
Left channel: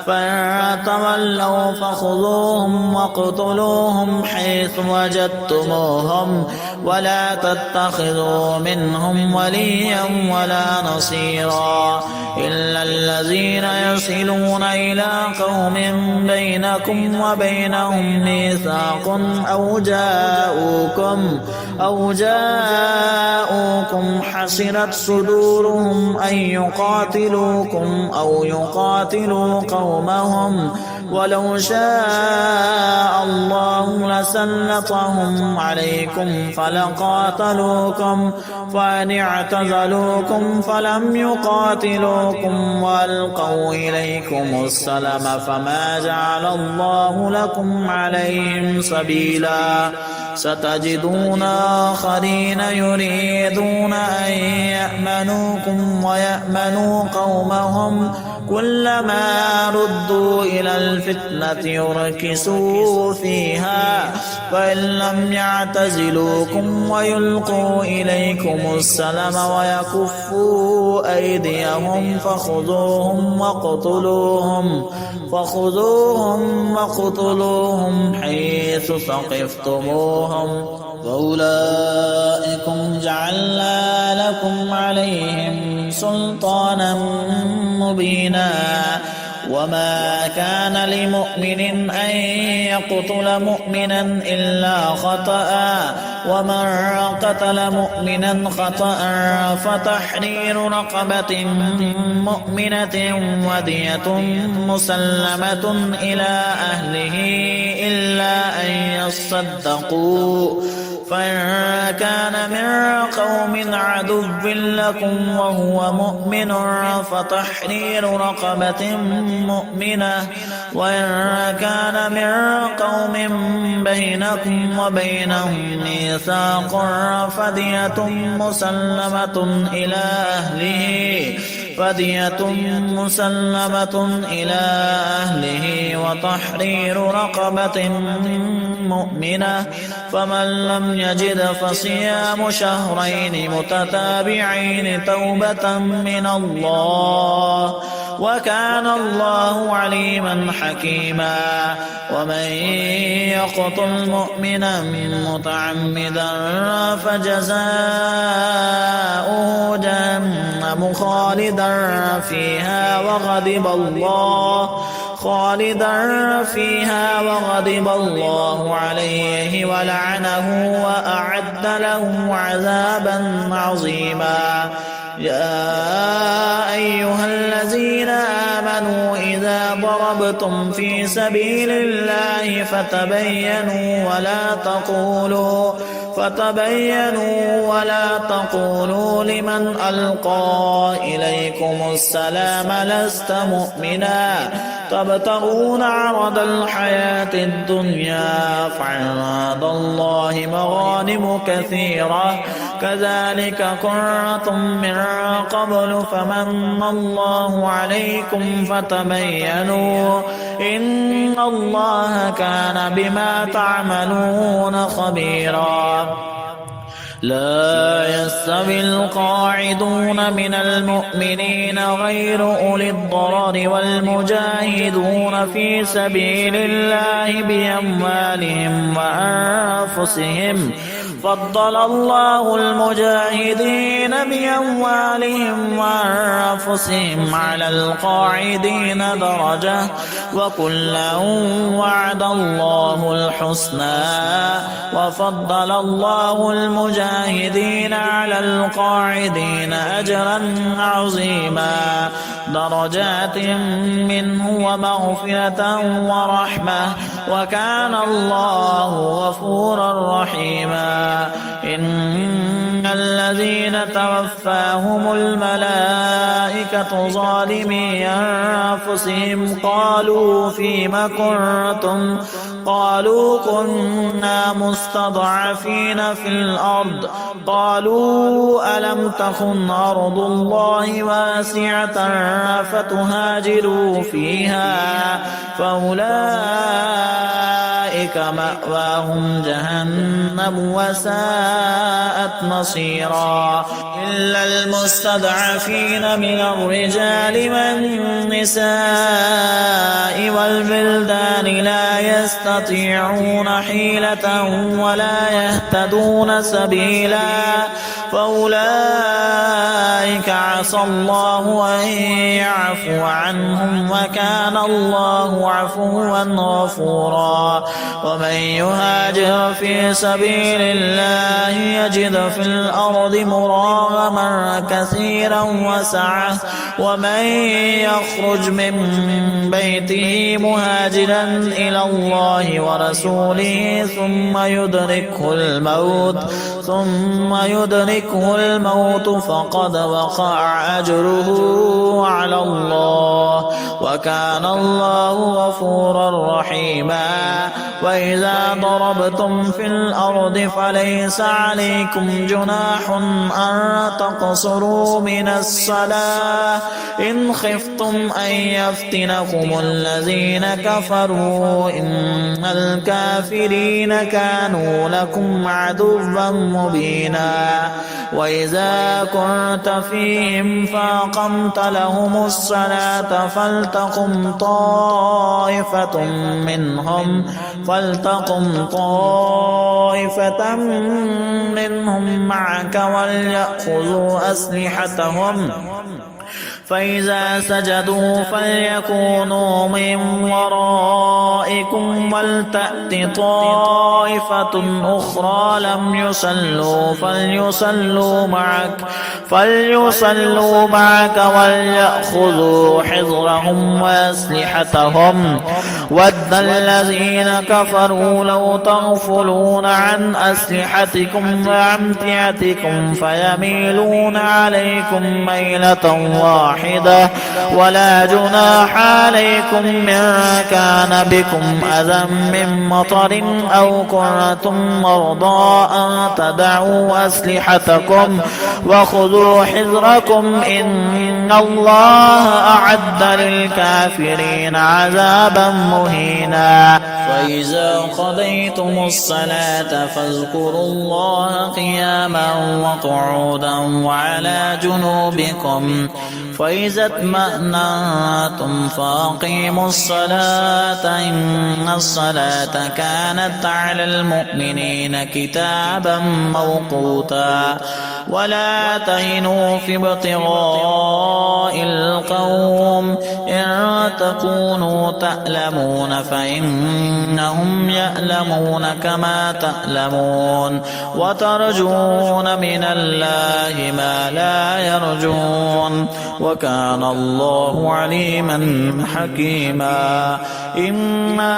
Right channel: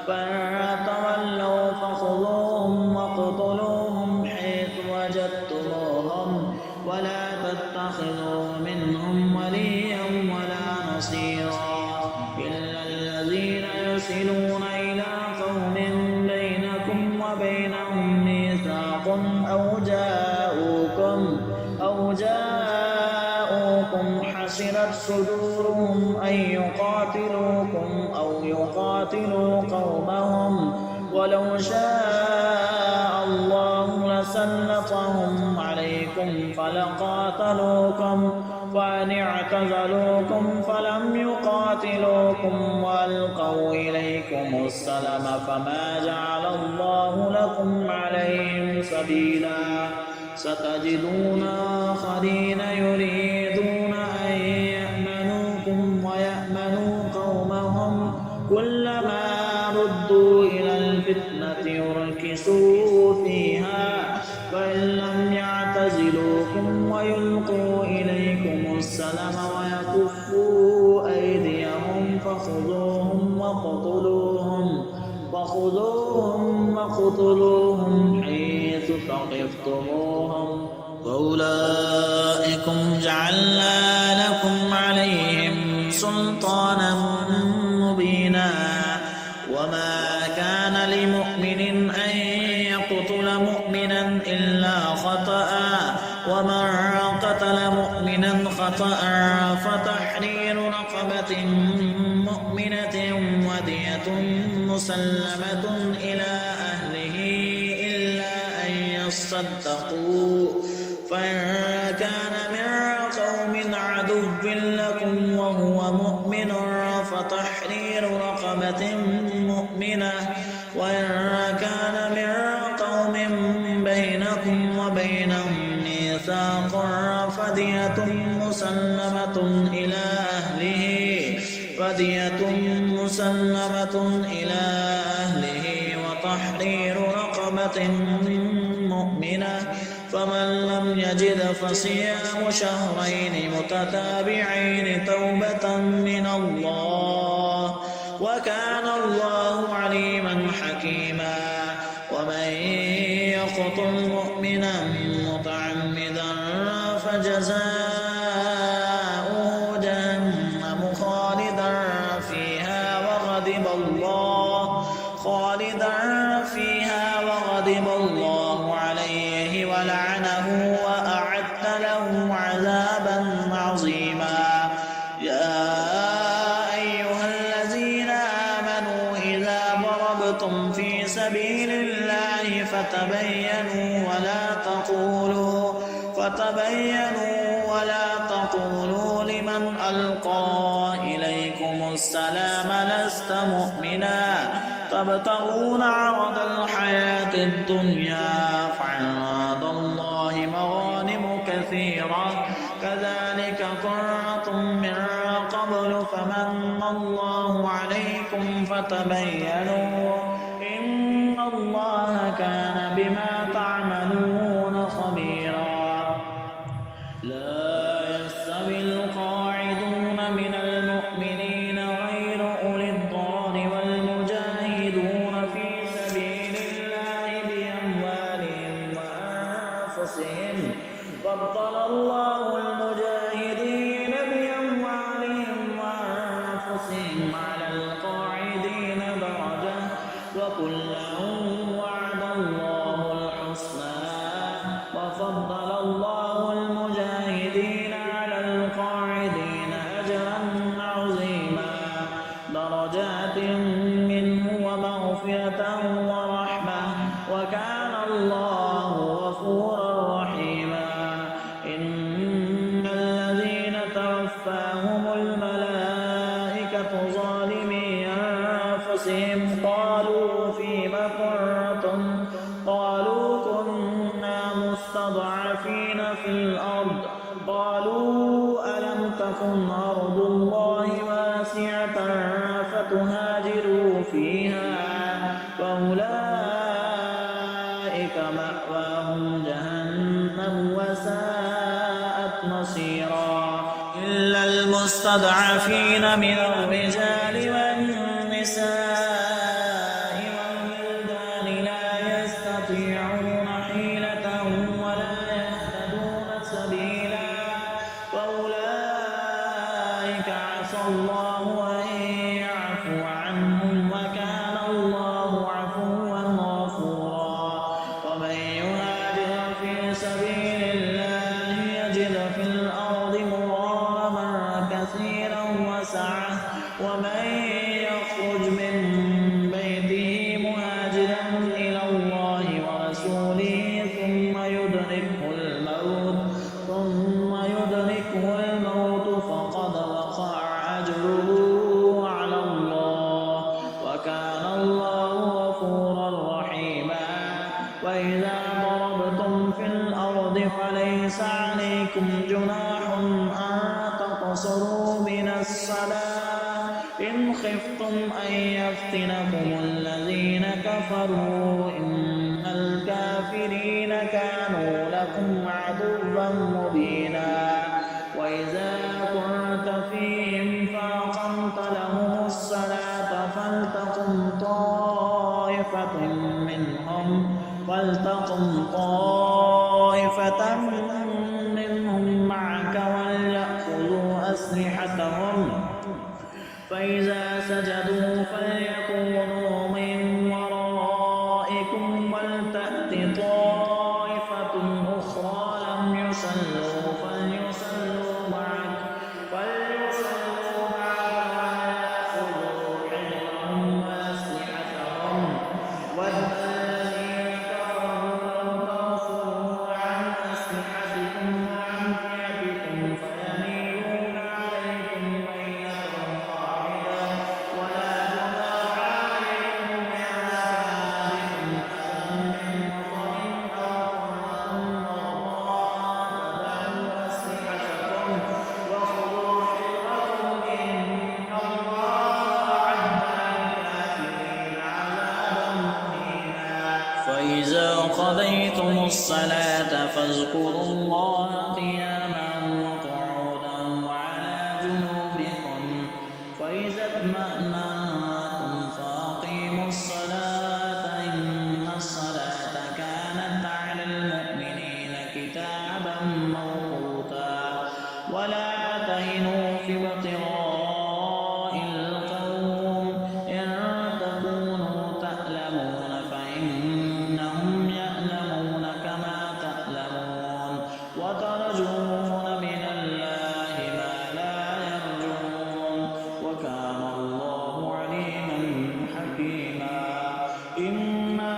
فإن تولوا فخذوهم واقتلوهم حيث وجدتموهم ولا تتخذوا منهم وليا ولا نصيرا إلا الذين يصلون إلى قوم بينكم وبينهم ميثاق أو جاءوكم حسرت صدورهم أن يقاتلوكم أو يقاتلوا قومهم ولو شاء الله لسلطهم عليكم فلقاتلوكم فإن اعتزلوكم فلم يقاتلوكم وألقوا إليكم السلم فما جعل الله لكم عليهم سبيلا ستجدون آخرين يريدون أن يأمنوكم ويأمنوا قومهم كلما ردوا إلى الفتنة يركسوا فيها فإن لم يعتزلوكم ويلقوا إليكم السلم ويكفوا أيديهم فخذوهم واقتلوهم حيث ثقفتموهم فأولئكم جعلنا لكم عليهم سلطانا مبينا وما كان لمؤمن أن يقتل مؤمنا إلا خطأ ومن قتل مؤمنا خطأ فتحرير رقبة مؤمنة ودية مسلمة إلى أهله إلا أن يصدقوا فإن كان من قوم عدو لكم وهو مؤمن فتحرير رقبة مؤمنة وإن كان من قوم بينكم وبينهم ميثاق فدية مسلمة إلى أهله وتحرير رقبة مؤمنة فمن لم يجد فصيام شهرين متتابعين توبة من الله وكان الله عليما حكيما ومن يقتل مؤمنا متعمدا فجزاؤه جهنم خالدا فيها وغضب الله عليه ولعنه وأعد له سبيل الله فتبينوا ولا تقولوا لمن ألقى إليكم السلام لست مؤمنا تبتغون عرض الحياة الدنيا فعند الله مغانم كثيرة كذلك كنتم من قبل فمن الله عليكم فتبينوا إن الله كان بما تعملون خبيرا. لا يستوي القاعدون من المؤمنين غير أولي الضرر والمجاهدون في سبيل الله بأموالهم وأنفسهم فضل الله المجاهدين بأموالهم وأنفسهم على القاعدين درجة وكلا وعد الله الحسنى وفضل الله المجاهدين على القاعدين أجرا عظيما درجات منه ومغفرة ورحمة وكان الله غفورا رحيما. إن الذين توفاهم الملائكة ظالمي أنفسهم قالوا فيم كنتم قالوا كنا مستضعفين في الأرض قالوا ألم تكن أرض الله واسعة فتهاجروا فيها فأولئك مأواهم جهنم وساءت مصيرا. إلا المستضعفين من الرجال والنساء والبلدان لا يستطيعون حيلة ولا يهتدون سبيلا فأولئك عسى الله أن يعفو عنهم وكان الله عفوا غفورا. ومن يهاجر في سبيل الله يجد في الأرض مراغما كثيرا وسعة ومن يخرج من بيته مهاجرا إلى الله ورسوله ثم يدركه الموت فقد وقع أجره على الله وكان الله غفورا رحيما. وإذا ضربتم في الأرض فليس عليكم جناح أن تقصروا من الصلاة إن خفتم أن يفتنكم الذين كفروا إن الكافرين كانوا لكم عدوا مبينا. وإذا كنت فيهم فأقمت لهم الصلاة فلتقم طائفة منهم معك وليأخذوا أسلحتهم فإذا سجدوا فليكونوا من ورائكم ولتأت طائفة أخرى لم يصلوا فليصلوا معك وليأخذوا حذرهم وأسلحتهم ود الذين كفروا لو تغفلون عن أسلحتكم وأمتعتكم فيميلون عليكم ميلة واحدة ولا جناح عليكم من كان بكم أذى من مطر أو كنتم مرضى أن تدعوا أسلحتكم وخذوا حذركم إن الله أعد للكافرين عذابا مهينا. فإذا قضيتم الصلاة فاذكروا الله قياما وقعودا وعلى جنوبكم فإذا اطمأننتم فأقيموا الصلاة إن الصلاة كانت على المؤمنين كتابا موقوتا. ولا تهنوا في ابتغاء القوم إن تكونوا تألمون فإنهم يألمون كما تألمون وترجون من الله ما لا يرجون وكان الله عليما حكيما. إنا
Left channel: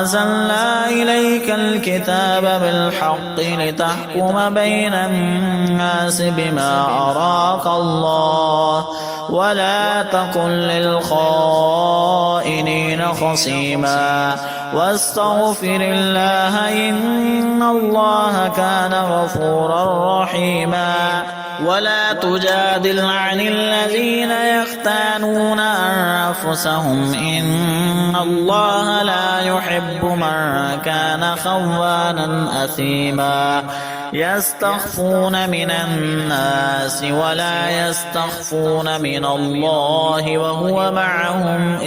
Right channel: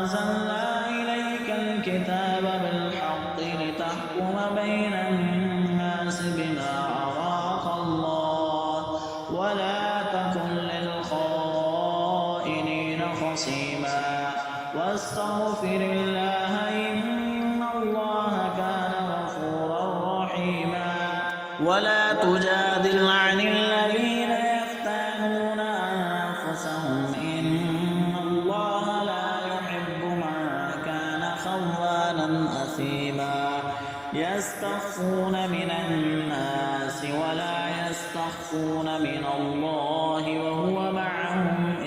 أنزلنا إليك الكتاب بالحق لتحكم بين الناس بما أراك الله ولا تكن للخائنين خصيما واستغفر الله إن الله كان غفورا رحيما. ولا تجادل عن الذين يختانون أنفسهم إن الله لا يحب من كان خوانا أثيما. يستخفون من الناس ولا يستخفون من الله وهو معهم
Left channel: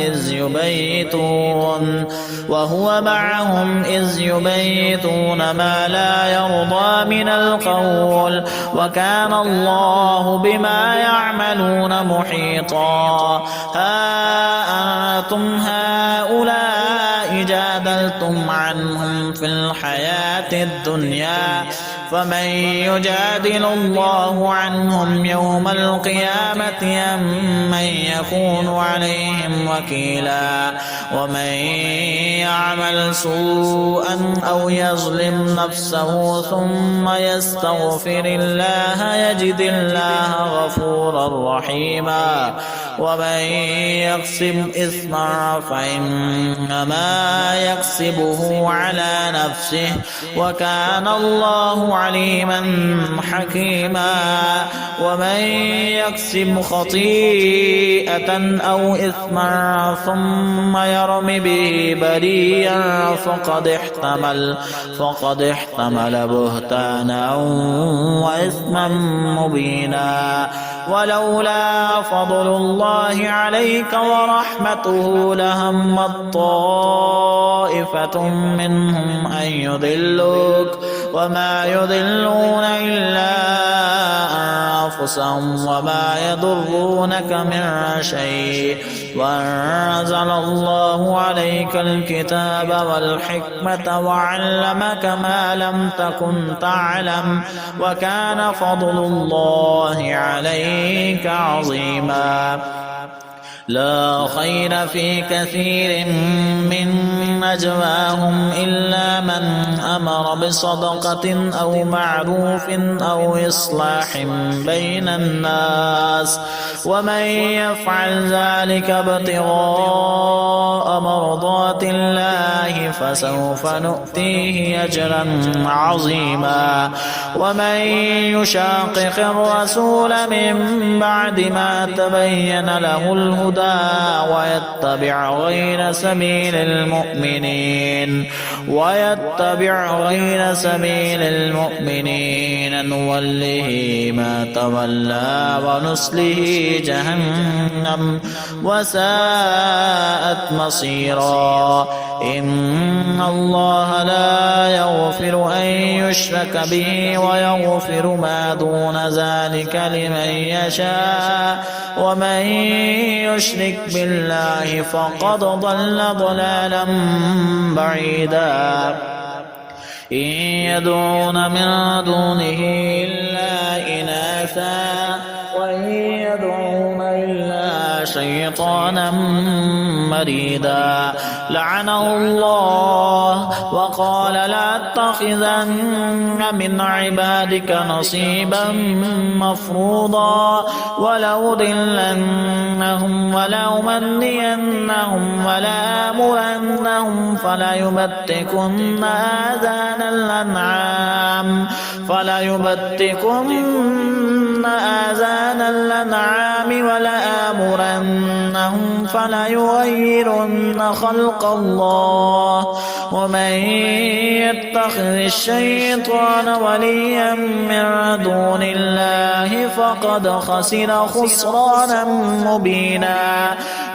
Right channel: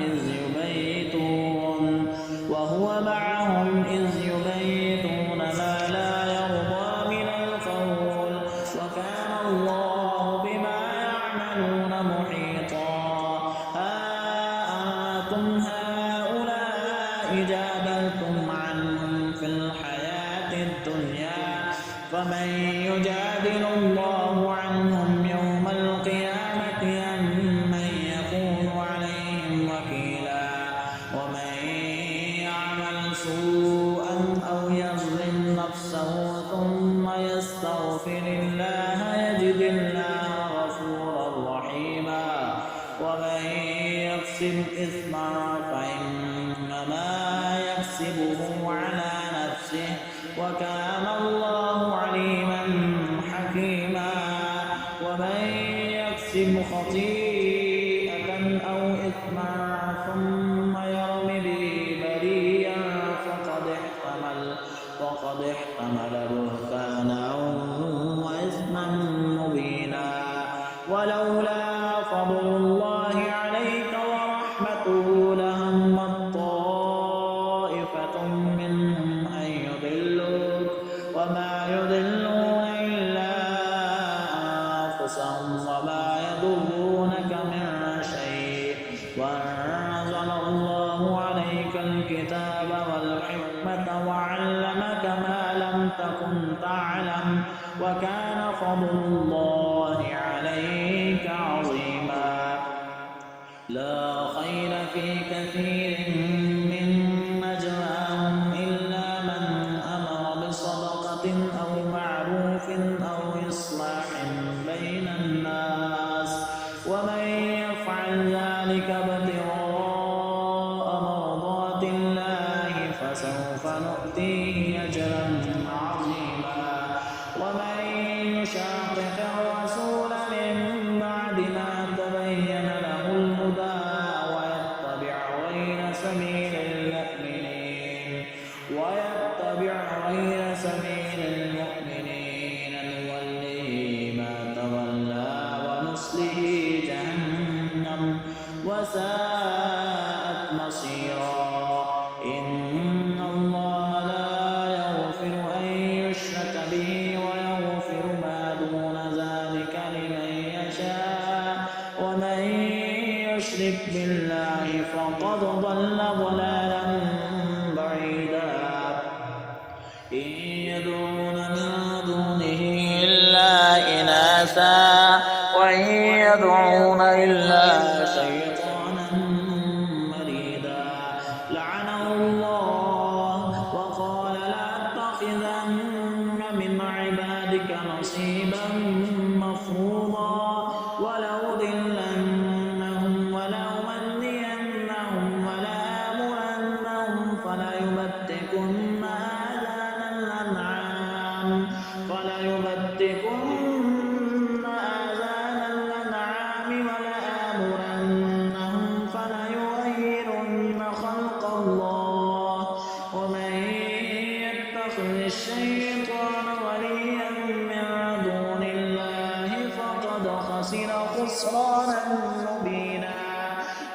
إذ يبيتون ما لا يرضى من القول وكان الله بما يعملون محيطا. ها أنتم هؤلاء جادلتم عنهم في الحياة الدنيا فمن يجادل الله عنهم يوم القيامة أم من يكون عليهم وكيلا. ومن يعمل سوءا أو يظلم نفسه ثم يستغفر الله يجد الله غفورا رحيما. ومن يكسب إثما فإنما يكسبه على نفسه وكان الله عليما حكيما. ومن يكسب خطيئة أو إثما ثم يرم به بريئا فقد احتمل بهتانا وإثما مبينا. ولولا فضل الله عليك ورحمته لهمت طائفة منهم أن يضلوك وما يضلون إلا أنفسهم وما يضرونك من شيء. وأنزل الله عليك الكتاب والحكمة وعلمك ما لم تكن تعلم وكان فضل الله عليك عظيما. لا خير في كثير من نجواهم إلا من أمر بصدقة أو معروف أو إصلاح بين الناس ومن يفعل ذلك ابتغاء مرضات الله فسوف نؤتيه أجرا عظيما. ومن يشاقق الرسول من بعد ما تبين له الهدى ويتبع غير سبيل المؤمنين نوله ما تولى ونصله جهنم وساءت مصيرا. إن الله لا يغفر أن يشرك به ويغفر ما دون ذلك لمن يشاء ومن يشرك بالله فقد ضل ضلالا بعيدا. إن يدعون من دونه إلا إناثا وإن يدعون إلا شيطانا مريدا. لعنه الله وقال لأتخذن من عبادك نصيبا مفروضا ولأضلنهم ولأمنينهم ولآمرنهم فليبتكن آذان الأنعام ولآمرنهم فليغيرن خلق الله. ومن يتخذ الشيطان وليا من دون الله فقد خسر خسرانا مبينا.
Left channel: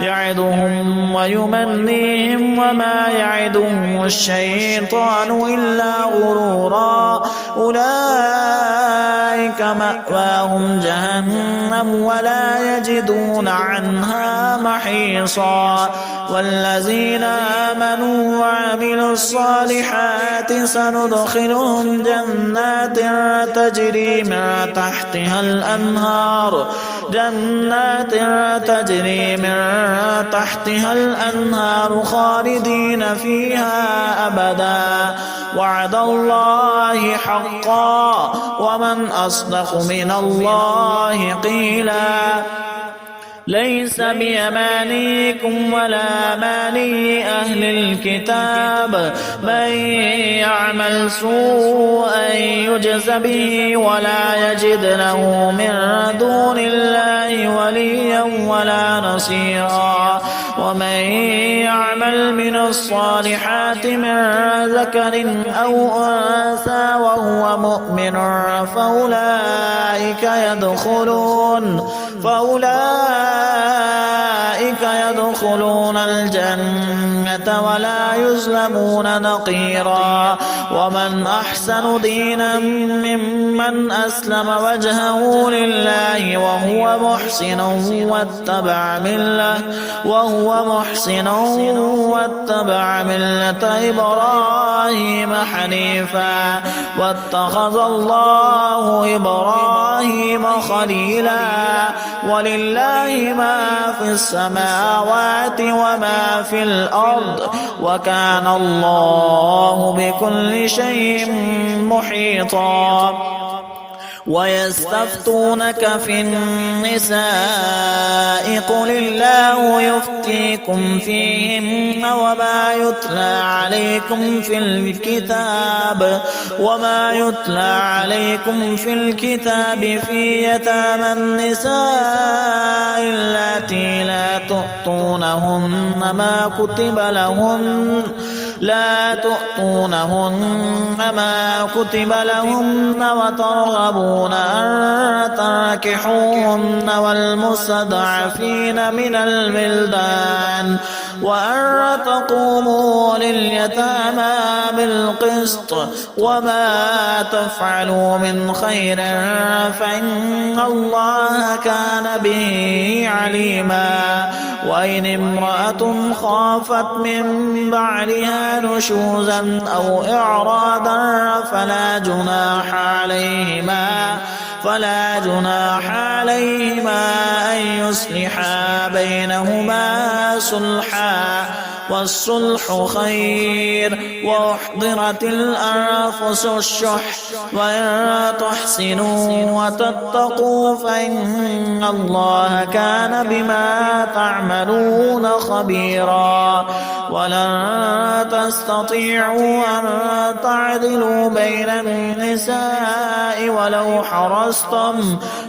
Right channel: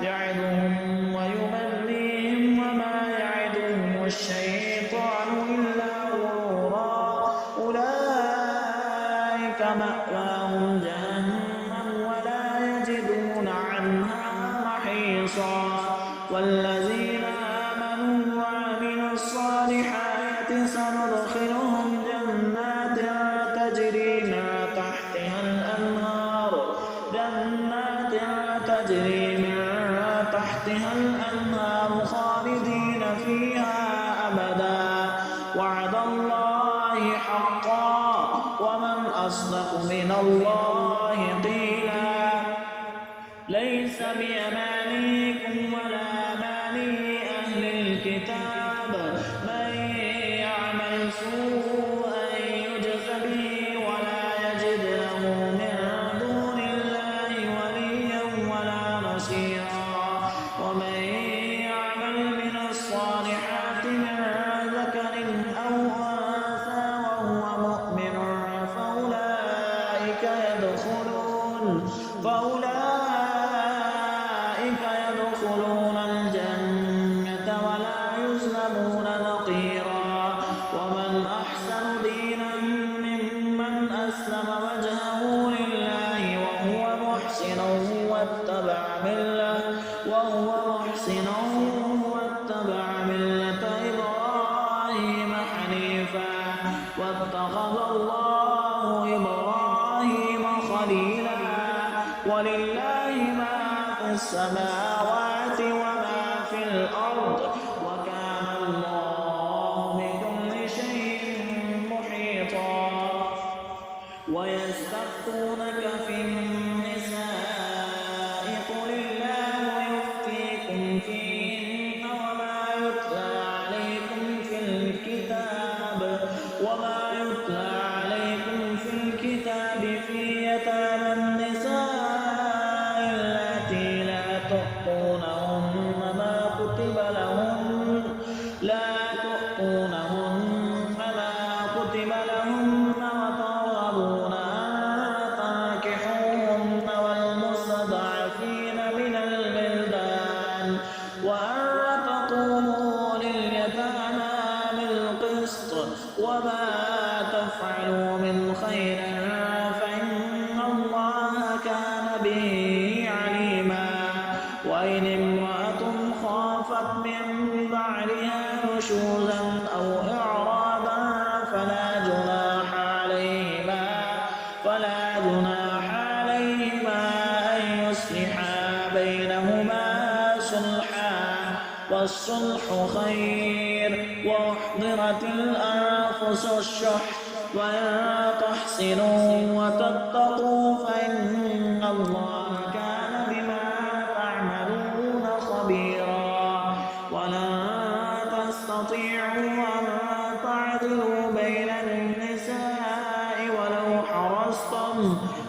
يعدهم ويمنيهم وما يعدهم الشيطان إلا غرورا. أولئك مأواهم جهنم ولا يجدون عنها محيصا. خالصا. والذين آمنوا وعملوا الصالحات سندخلهم جنات تجري من تحتها الأنهار خالدين فيها أبدا وعد الله حقا ومن أصدق من الله قيلا. ليس بأمانيكم ولا أماني أهل الكتاب من يعمل سوءا يجز به ولا يجد له من دون الله وليا ولا نصيرا. ومن يعمل من الصالحات من ذكر أو أنثى وهو مؤمن فأولئك يدخلون الجنة ولا يظلمون نقيرا. ومن أحسن دينا ممن أسلم وجهه لله وهو محسن واتبع ملة إبراهيم حنيفا واتخذ الله إبراهيم خليلا. ولله ما في السماوات وما في الأرض وكان الله بكل شيء محيطا. ويستفتونك في النساء قل الله يفتيكم فيهن وما يتلى عليكم في الكتاب في يتامى النساء اللاتي لا تؤتونهن ما كتب لهن وترغبون أن تنكحوهن والمستضعفين من الولدان وأن تقوموا لليتامى بالقسط وما تفعلوا من خير فإن الله كان به عليما. وإن امرأة خافت من بعلها نشوزا أو إعراضا فلا جناح عليهما أن يصلحا بينهما صلحا والصلح خير. وأحضرت الأنفس الشح وإن تحسنوا وتتقوا فإن الله كان بما تعملون خبيرا. ولن تستطيعوا أن تعدلوا بين النساء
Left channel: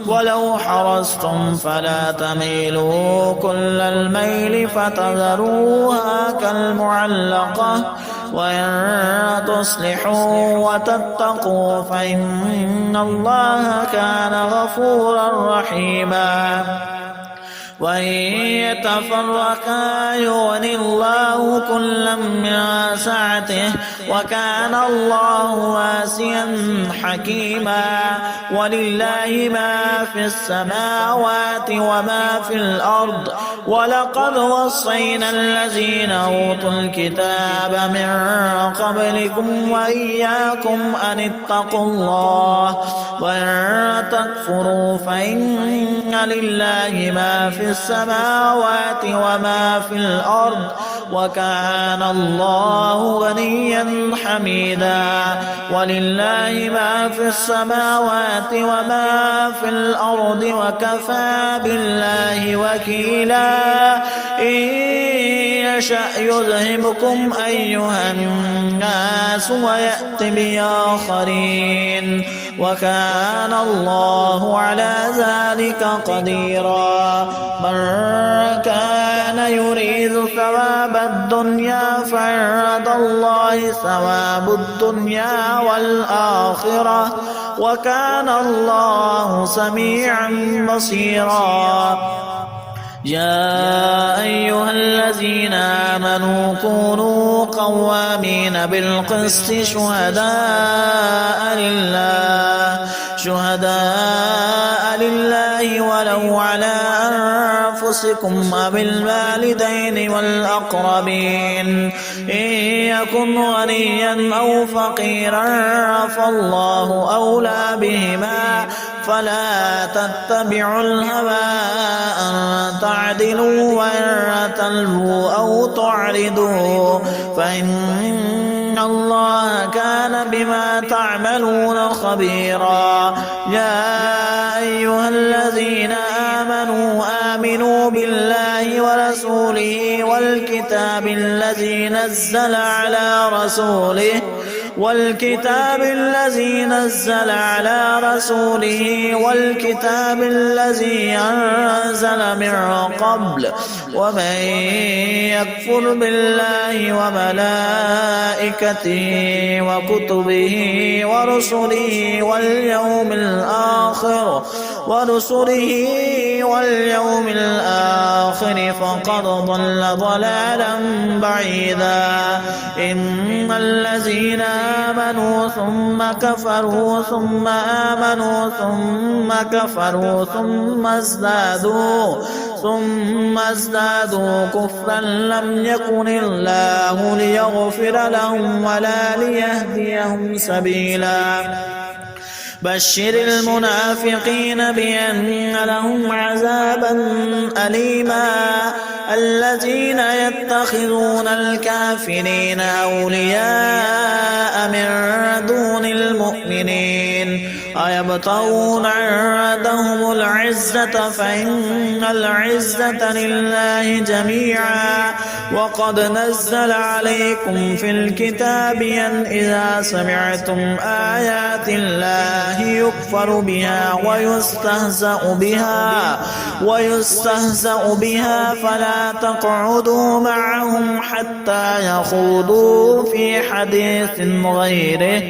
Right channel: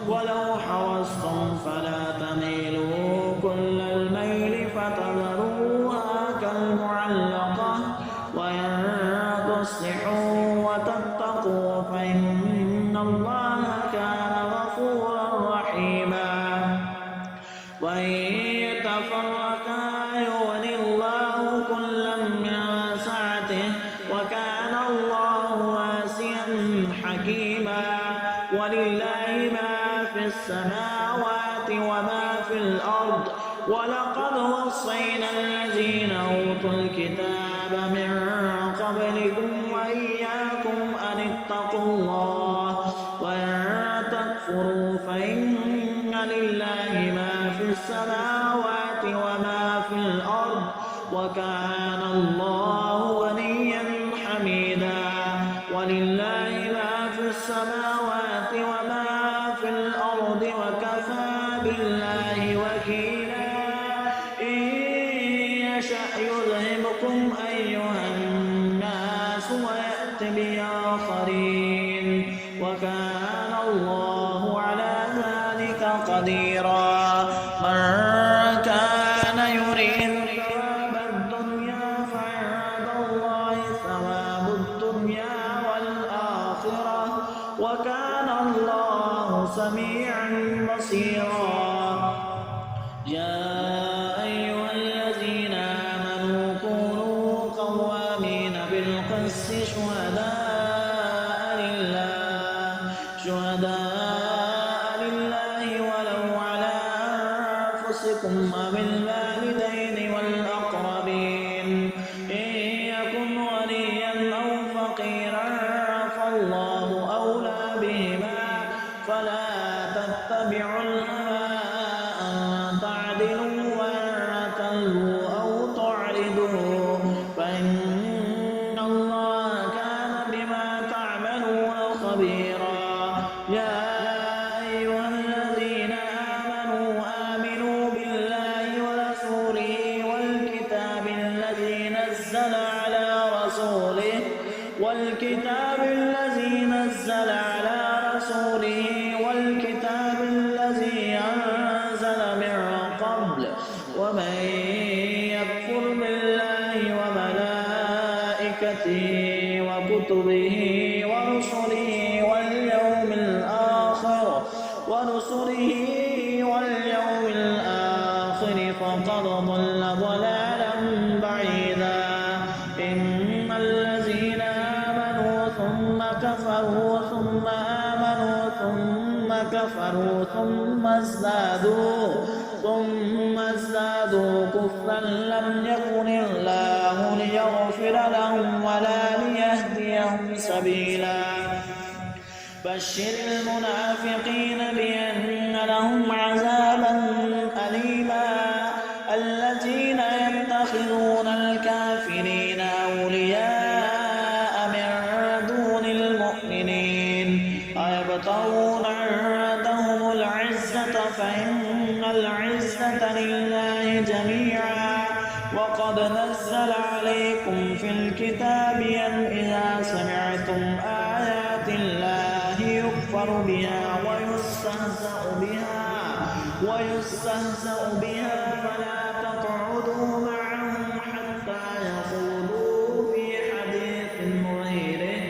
ولو حرصتم فلا تميلوا كل الميل فتذروها كالمعلقة. وإن تصلحوا وتتقوا فإن الله كان غفورا رحيما. وإن يتفرقا يغني الله كلا من سعته وكان الله واسعا حكيما. ولله ما في السماوات وما في الأرض. ولقد وصينا الذين أوتوا الكتاب من قبلكم وإياكم أن اتقوا الله. وإن تكفروا فإن لله ما في السماوات وما في الأرض وكان الله غنيا حميدا. ولله ما في السماوات وما في الأرض وكفى بالله وكيلا. إن يشأ يذهبكم أيها الناس ويأت بآخرين وكان الله على ذلك قديرا. من كان يريد ثواب الدنيا فعند الله ثواب الدنيا والآخرة وكان الله سميعا بصيرا. يا أيها الذين آمنوا كونوا قوامين بالقسط شهداء لله ولو على أنفسكم أنفسكم وبالوالدين والأقربين إن يكن غنيا أو فقيرا فالله أولى بهما فلا تتبعوا الهوى أن تعدلوا وإن تلووا أو تعرضوا فإن الله كان بما تعملون خبيرا يا أيها الذين آمنوا بالله ورسوله والكتاب الذي نزل على رسوله والكتاب الذي أنزل من قبل ومن يكفر بالله وملائكته وكتبه ورسله واليوم الآخر فقد ضل ضلالا بعيدا إن الذين آمنوا ثم كفروا ثم آمنوا ثم كفروا ثم ازدادوا كفرا لم يكن الله ليغفر لهم ولا ليهديهم سبيلا بشر المنافقين بأن لهم عذابا أليما الذين يتخذون الكافرين أولياء من دون المؤمنين أيبتغون عندهم العزة فإن العزة لله جميعا وقد نزل عليكم في الكتاب أن إذا سمعتم آيات الله يكفر بها ويستهزأ بها فلا تقعدوا معهم حتى يخوضوا في حديث غيره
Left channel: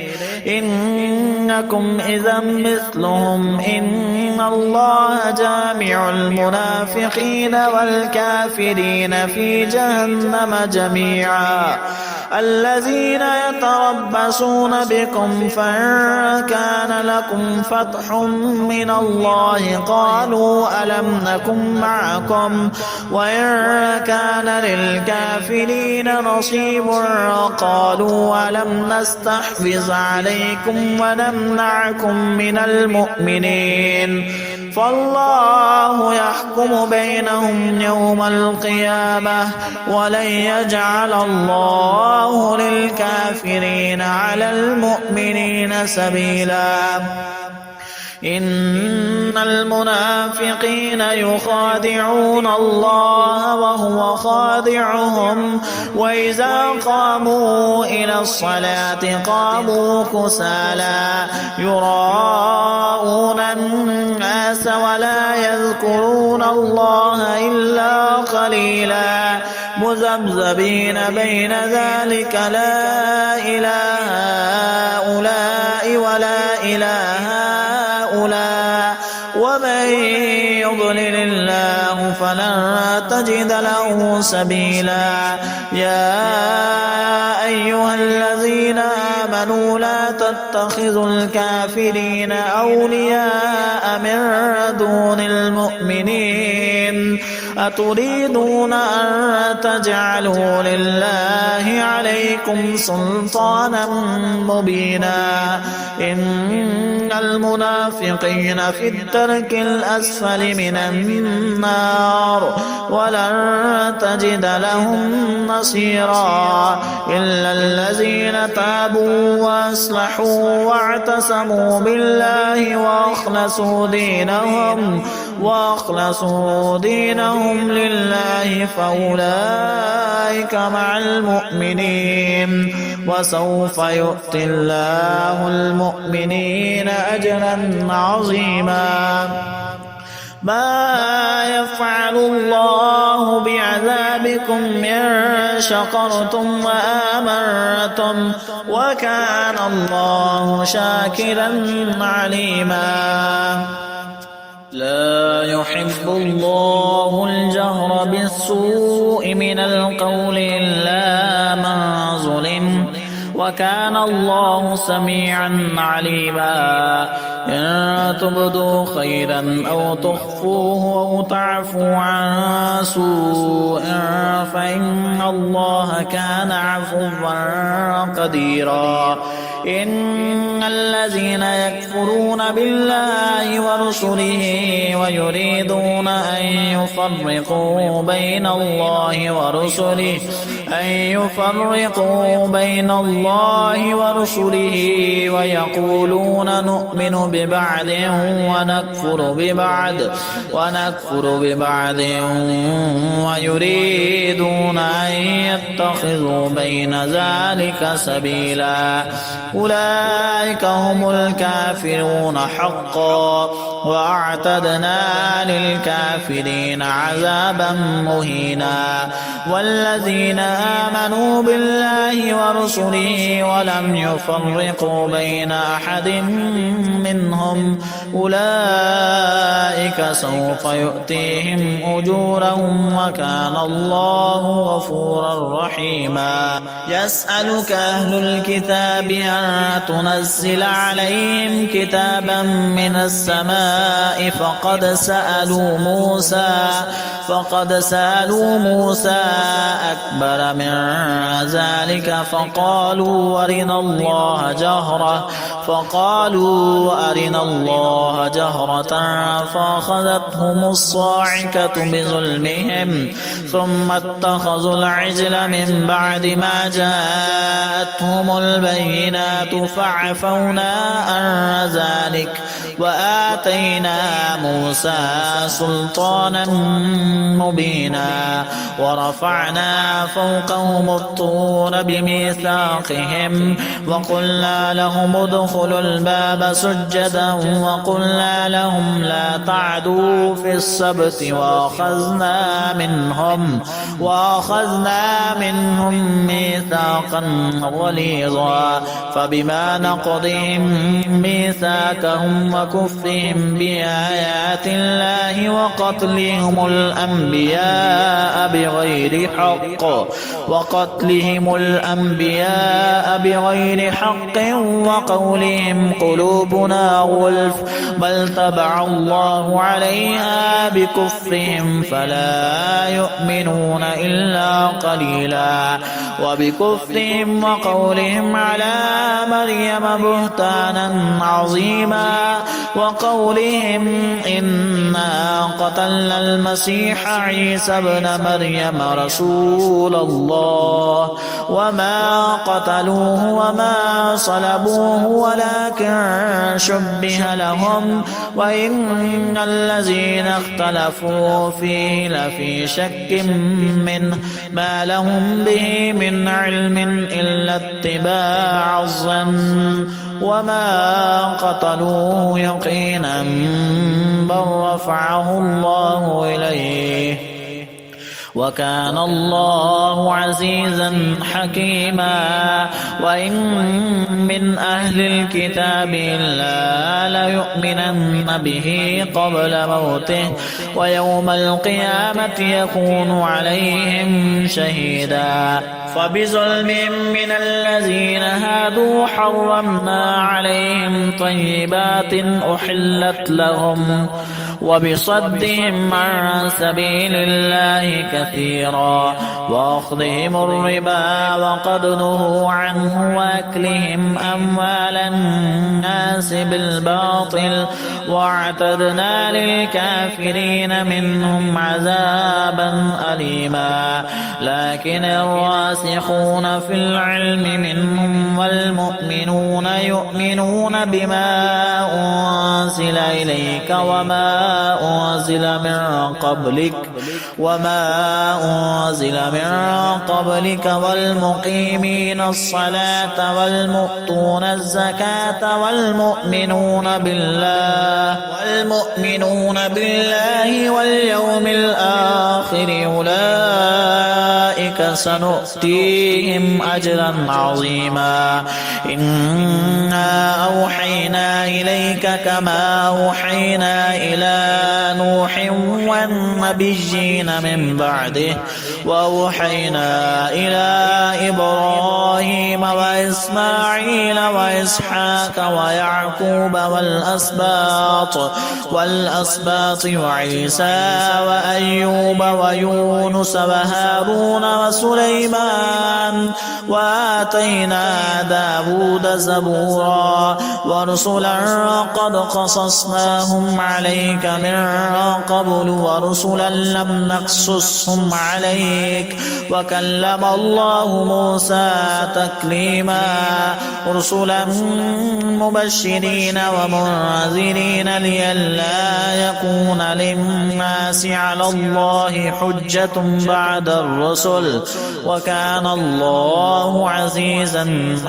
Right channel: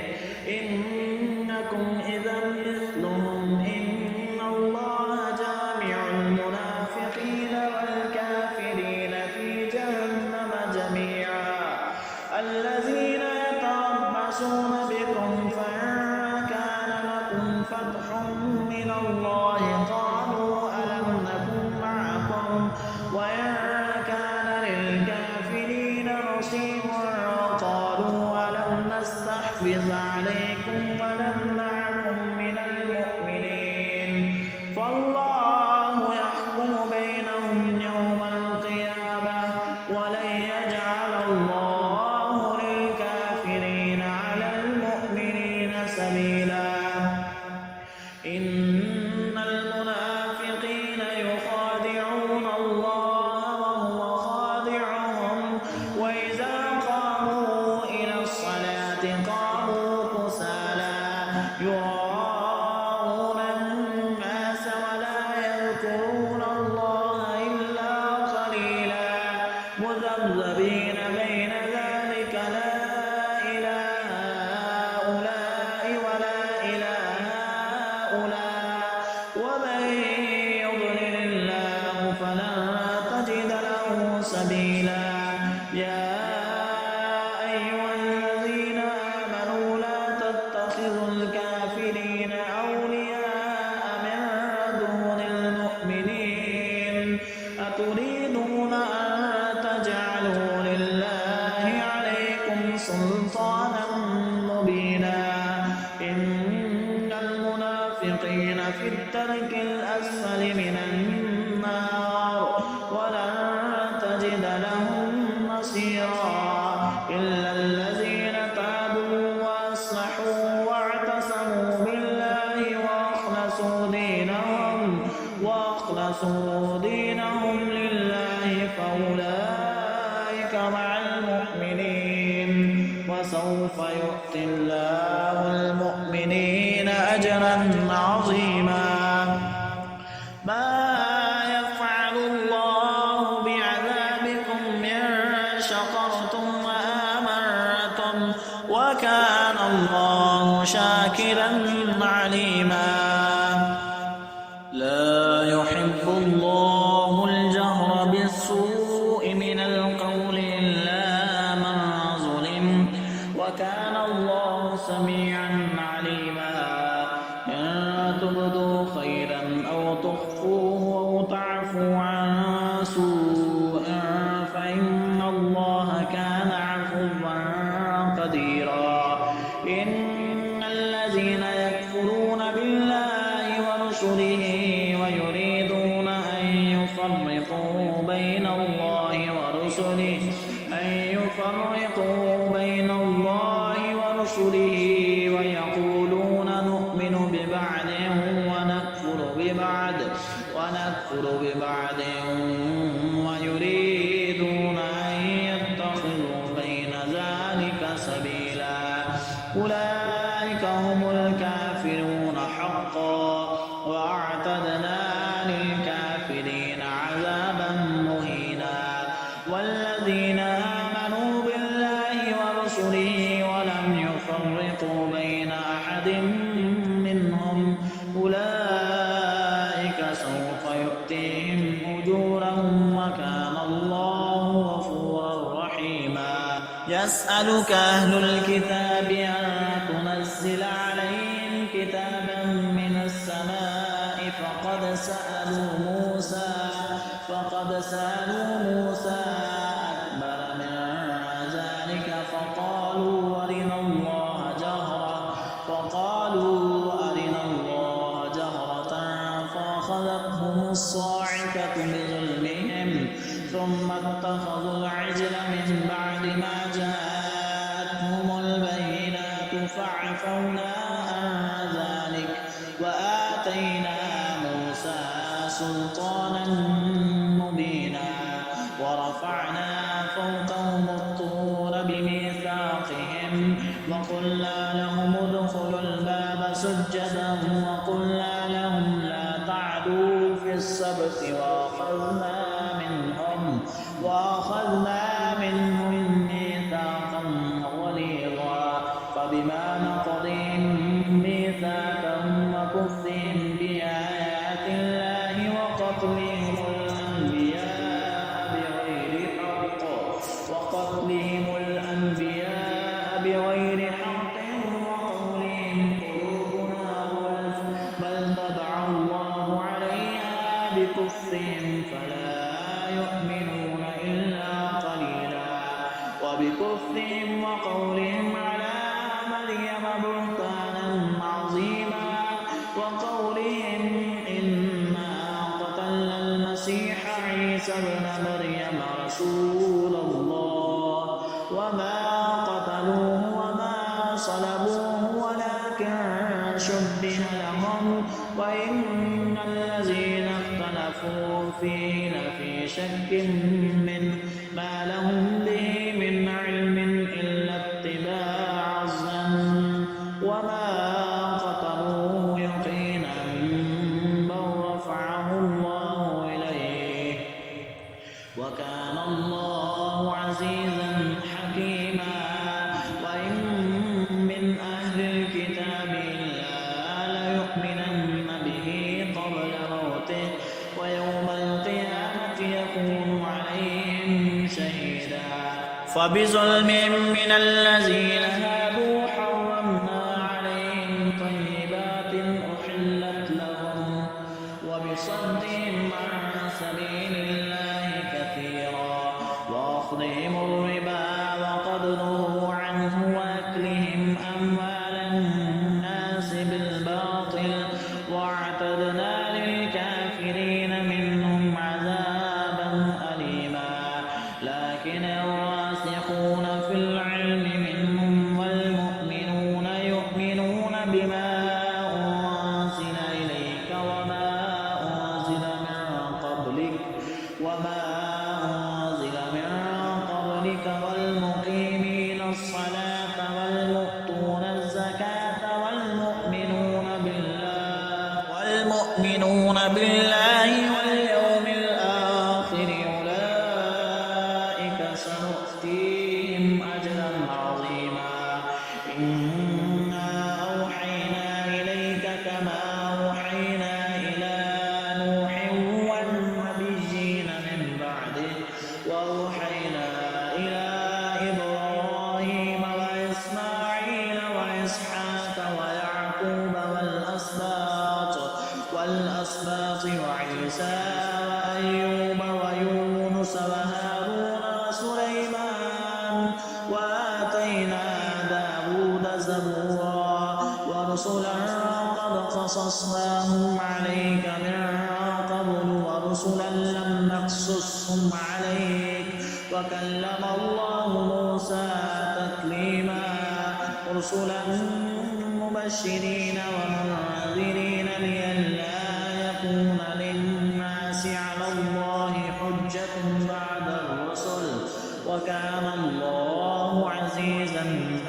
إنكم إذا مثلهم إن الله جامع المنافقين والكافرين في جهنم جميعا الذين يتربصون بكم فإن كان لكم فتح من الله قالوا ألم نكن معكم وإن كان للكافرين نصيب قالوا ألم نستحفظ عليكم ونمنعكم من المؤمنين فالله يحكم بينهم يوم القيامة ولن يجعل الله للكافرين على المؤمنين سبيلا إن المنافقين يخادعون الله وهو خادعهم وإذا قاموا إلى الصلاة قاموا كسالى يراءون الناس ولا يذكرون الله إلا قليلا مذبذبين بين ذلك لا إله هؤلاء ولا إله هؤلاء ومن يضلل الله فلن تجد له سبيلا يا أيها الذين آمنوا لا تتخذوا الكافرين أولياء من دون المؤمنين أتريدون أن تجعلوا لله عليكم سلطانا مبينا إن المنافقين في الدرك الأسفل من النار ولن تجد لهم نصيرا إلا الذين تابوا وأصلحوا واعتصموا بالله وأخلصوا دينهم لله فأولئك مع المؤمنين وسوف يؤتي الله المؤمنين أجرا عظيما ما يفعل الله بعذابكم إن شكرتم وآمنتم وكان الله شاكرا عليما لا يحب الله الجهر بالسوء من القول إلا من ظلم وكان الله سميعا عليما إن تبدوا خيرا أو تخفوه أو تعفوا عن سوء فإن الله كان عفوا قديرا. إن الذين يكفرون بالله ورسله ويريدون أن يفرقوا بين الله ورسله ويقولون نؤمن ببعض ونكفر ببعض ويريدون أن يتخذوا بين ذلك سبيلا أولئك هم الكافرون حقا وأعتدنا للكافرين عذابا مهينا. والذين آمنوا بالله ورسله ولم يفرقوا بين أحد منهم أولئك سوف يؤتيهم أجورهم وكان الله غفورا رحيما. يسألك أهل الكتاب أن تنزل عليهم كتابا من السماء فقد سألوا موسى أكبر من ذلك فقالوا أرنا الله جهرة فأخذتهم الصاعقة بظلمهم ثم اتخذوا العجل من بعد ما جاءتهم البينات فعفونا عن ذلك وآتينا موسى سلطانا مبينا. ورفعنا فوقهم الطور بميثاقهم وقلنا لهم ادخلوا الباب سجدا وقلنا لهم لا تعدوا في السبت وأخذنا منهم ميثاقا غليظا. فبما نقضهم ميثاقهم وكفرهم بآيات الله وقتلهم الأنبياء بغير حق وقولهم قلوبنا غلف بل طبع الله عليها بكفرهم فلا يؤمنون إلا قليلا. وبكفرهم وقولهم على مريم بهتانا عظيما وقولهم إنا قتلنا المسيح عيسى ابن مريم رسول الله وما قتلوه وما صلبوه ولكن شبه لهم وإن الذين اختلفوا فيه لفي شك منه ما لهم به من علم إلا اتباع الظن وما قتلوه يقينا بل رفعه الله إليه وكان الله عزيزا حكيما. وإن من أهل الكتاب إلا ليؤمنن به قبل موته ويوم القيامة يكون عليهم شهيدا. فبظلم من الذين هادوا حرمنا عليهم طيبات أحلت لهم وبصدهم عن سبيل الله كثيرا وأخذهم الربا وقد نهوا عنه وأكلهم أموال الناس بالباطل واعتدنا للكافرين منهم عذابا أليما. لكن الراسخون في العلم منهم والمؤمنون يؤمنون بما أنزل إليك وما أنزل من قبلك والمقيمين الصلاة والمؤتون الزكاة والمؤمنون بالله واليوم الآخر أولئك سنؤتيهم أجرا عظيما. إنا أوحينا إليك كما أوحينا إلى نوح والنبيين من بعده وأوحينا إلى إبراهيم وإسماعيل وإسحاق ويعقوب والأسباط وعيسى وأيوب ويونس وهارون وسليمان وآتينا داود زبورا ورسلا قد قصصناهم عليك من قبل ورسلا لم نقصصهم عليك وكلم الله موسى تكليما رسلا مبشرين ومنذرين لئلا يكون للناس على الله حجة بعد الرسل وكان الله عزيزا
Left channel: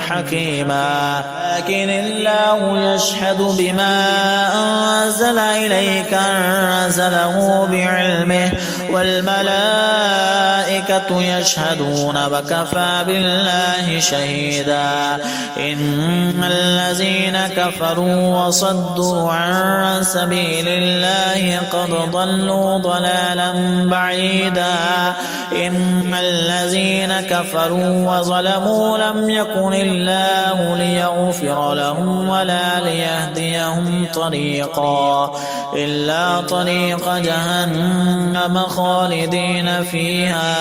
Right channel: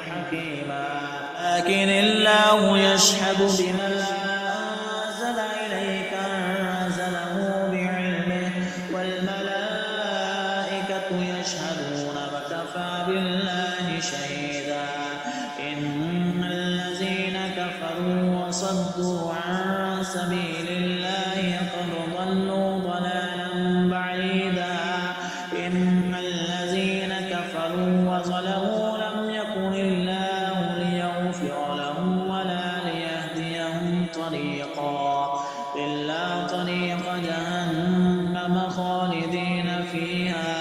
حكيما لكن الله يشهد بما أنزل إليك أنزله بعلمه والملائكة يشهدون وكفى بالله شهيدا إن الذين كفروا وصدوا عن سبيل الله قد ضلوا ضلالا بعيدا إن الذين كفروا وظلموا لم يكن الله ليغفر لهم ولا ليهديهم طريقا إلا طريق جهنم خالدين فيها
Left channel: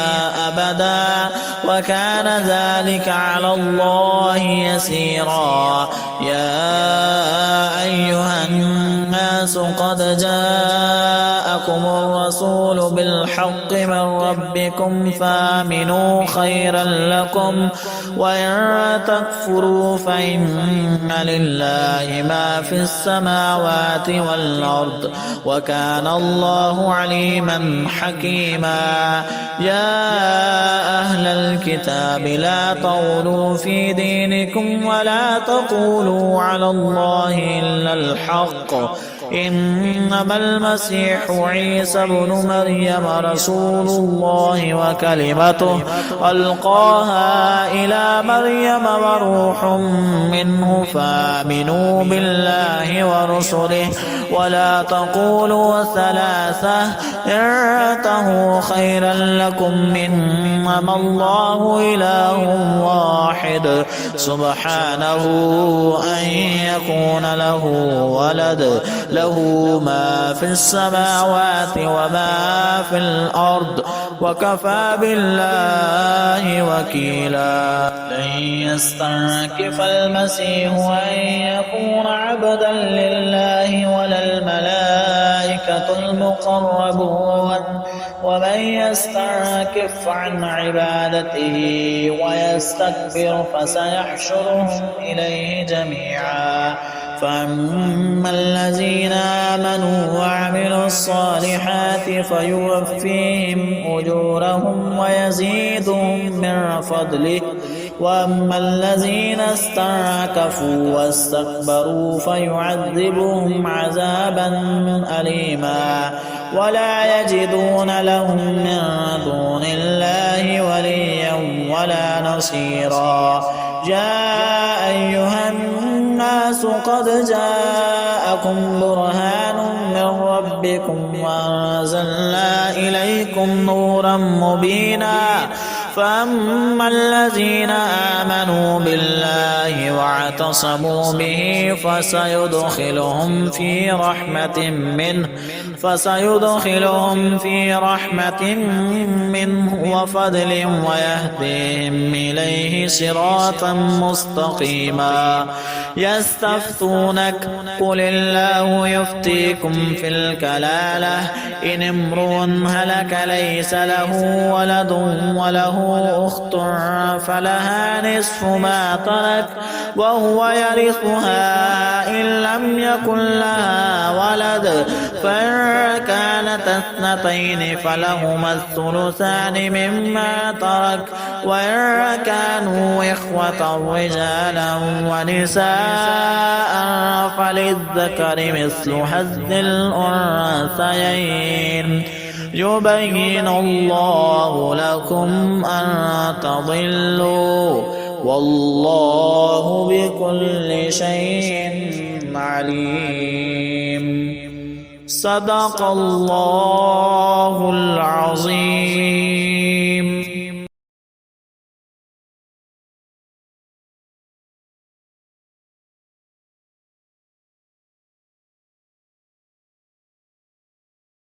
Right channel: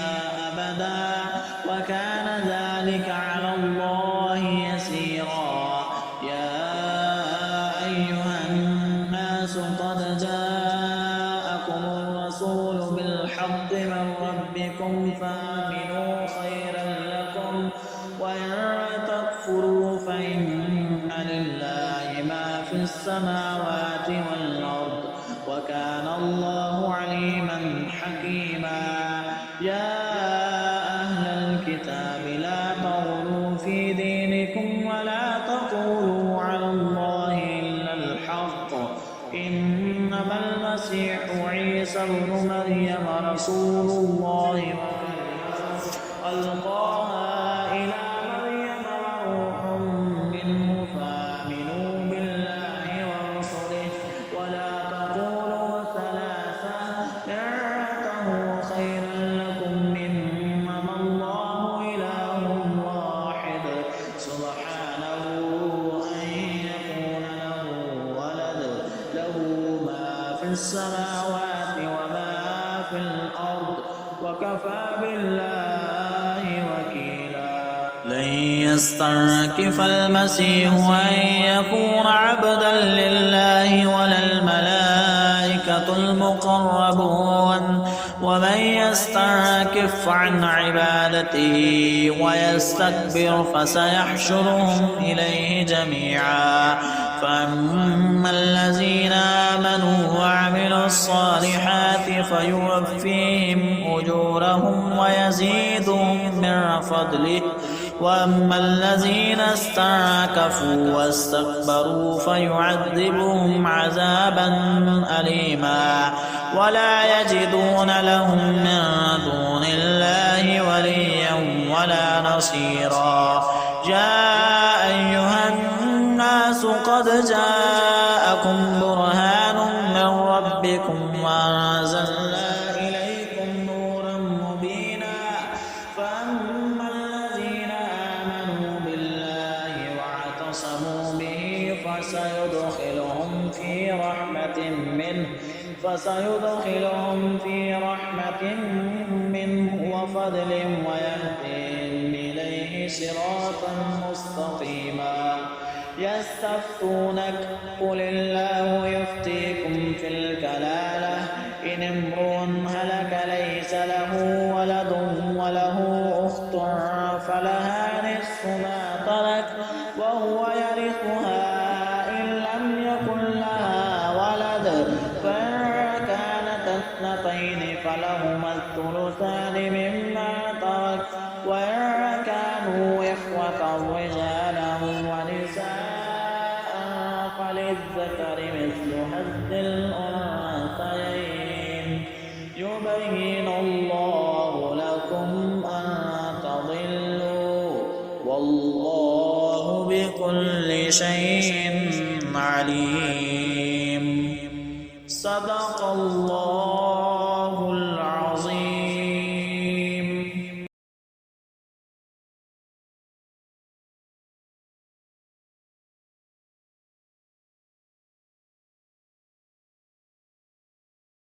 أبدا وكان ذلك على الله يسيرا يا أيها الناس قد جاءكم الرسول بالحق من ربكم فآمنوا خيرا لكم وإن تكفروا فإن لله ما في السماوات والأرض وكان الله عليما حكيما يا أهل الكتاب لا تغلوا في دينكم ولا تقولوا على الله إلا الحق إنما المسيح عيسى بن مريم رسول الله وكلمته ألقاها إلى مريم وروح منه فآمنوا بالله ورسله ولا تقولوا ثلاثة انتهوا خيرا لكم إنما الله إله واحد سبحانه أن يكون له ولد له ما في السماوات وما في الأرض وكفى بالله وكيلا لن يستنكف المسيح أن يكون عبدا لله ولا الملائكة المقربون ومن يستنكف عن عبادته ويستكبر فسيحشرهم إليه جميعا فأما الذين آمنوا وعملوا الصالحات فيوفيهم أجورهم ويزيدهم من فضله وأما الذين استنكفوا واستكبروا فيعذبهم عذابا أليما ولا يجدون لهم من دون الله وليا ولا نصيرا يا أيها الناس قد جاءكم برهان من ربكم وأنزلنا إليكم نورا مبينا فأما الذين آمنوا بالله واعتصموا به فسيدخلهم في رحمة منه وفضل ويهديهم إليه صراطا مستقيما يستفتونك قل الله يفتيكم في الكلالة إن امرؤ هلك ليس له ولد وله أخت فلها نصف ما ترك وهو يرثها إن لم يكن لها ولد فإن كانت اثنتين فلهما الثلثان مما ترك وإن كانوا إخوة رجالا ونساء فللذكر مثل حظ الأنثيين يبين الله لكم أن تضلوا والله بكل شيء عليم صدق الله العظيم.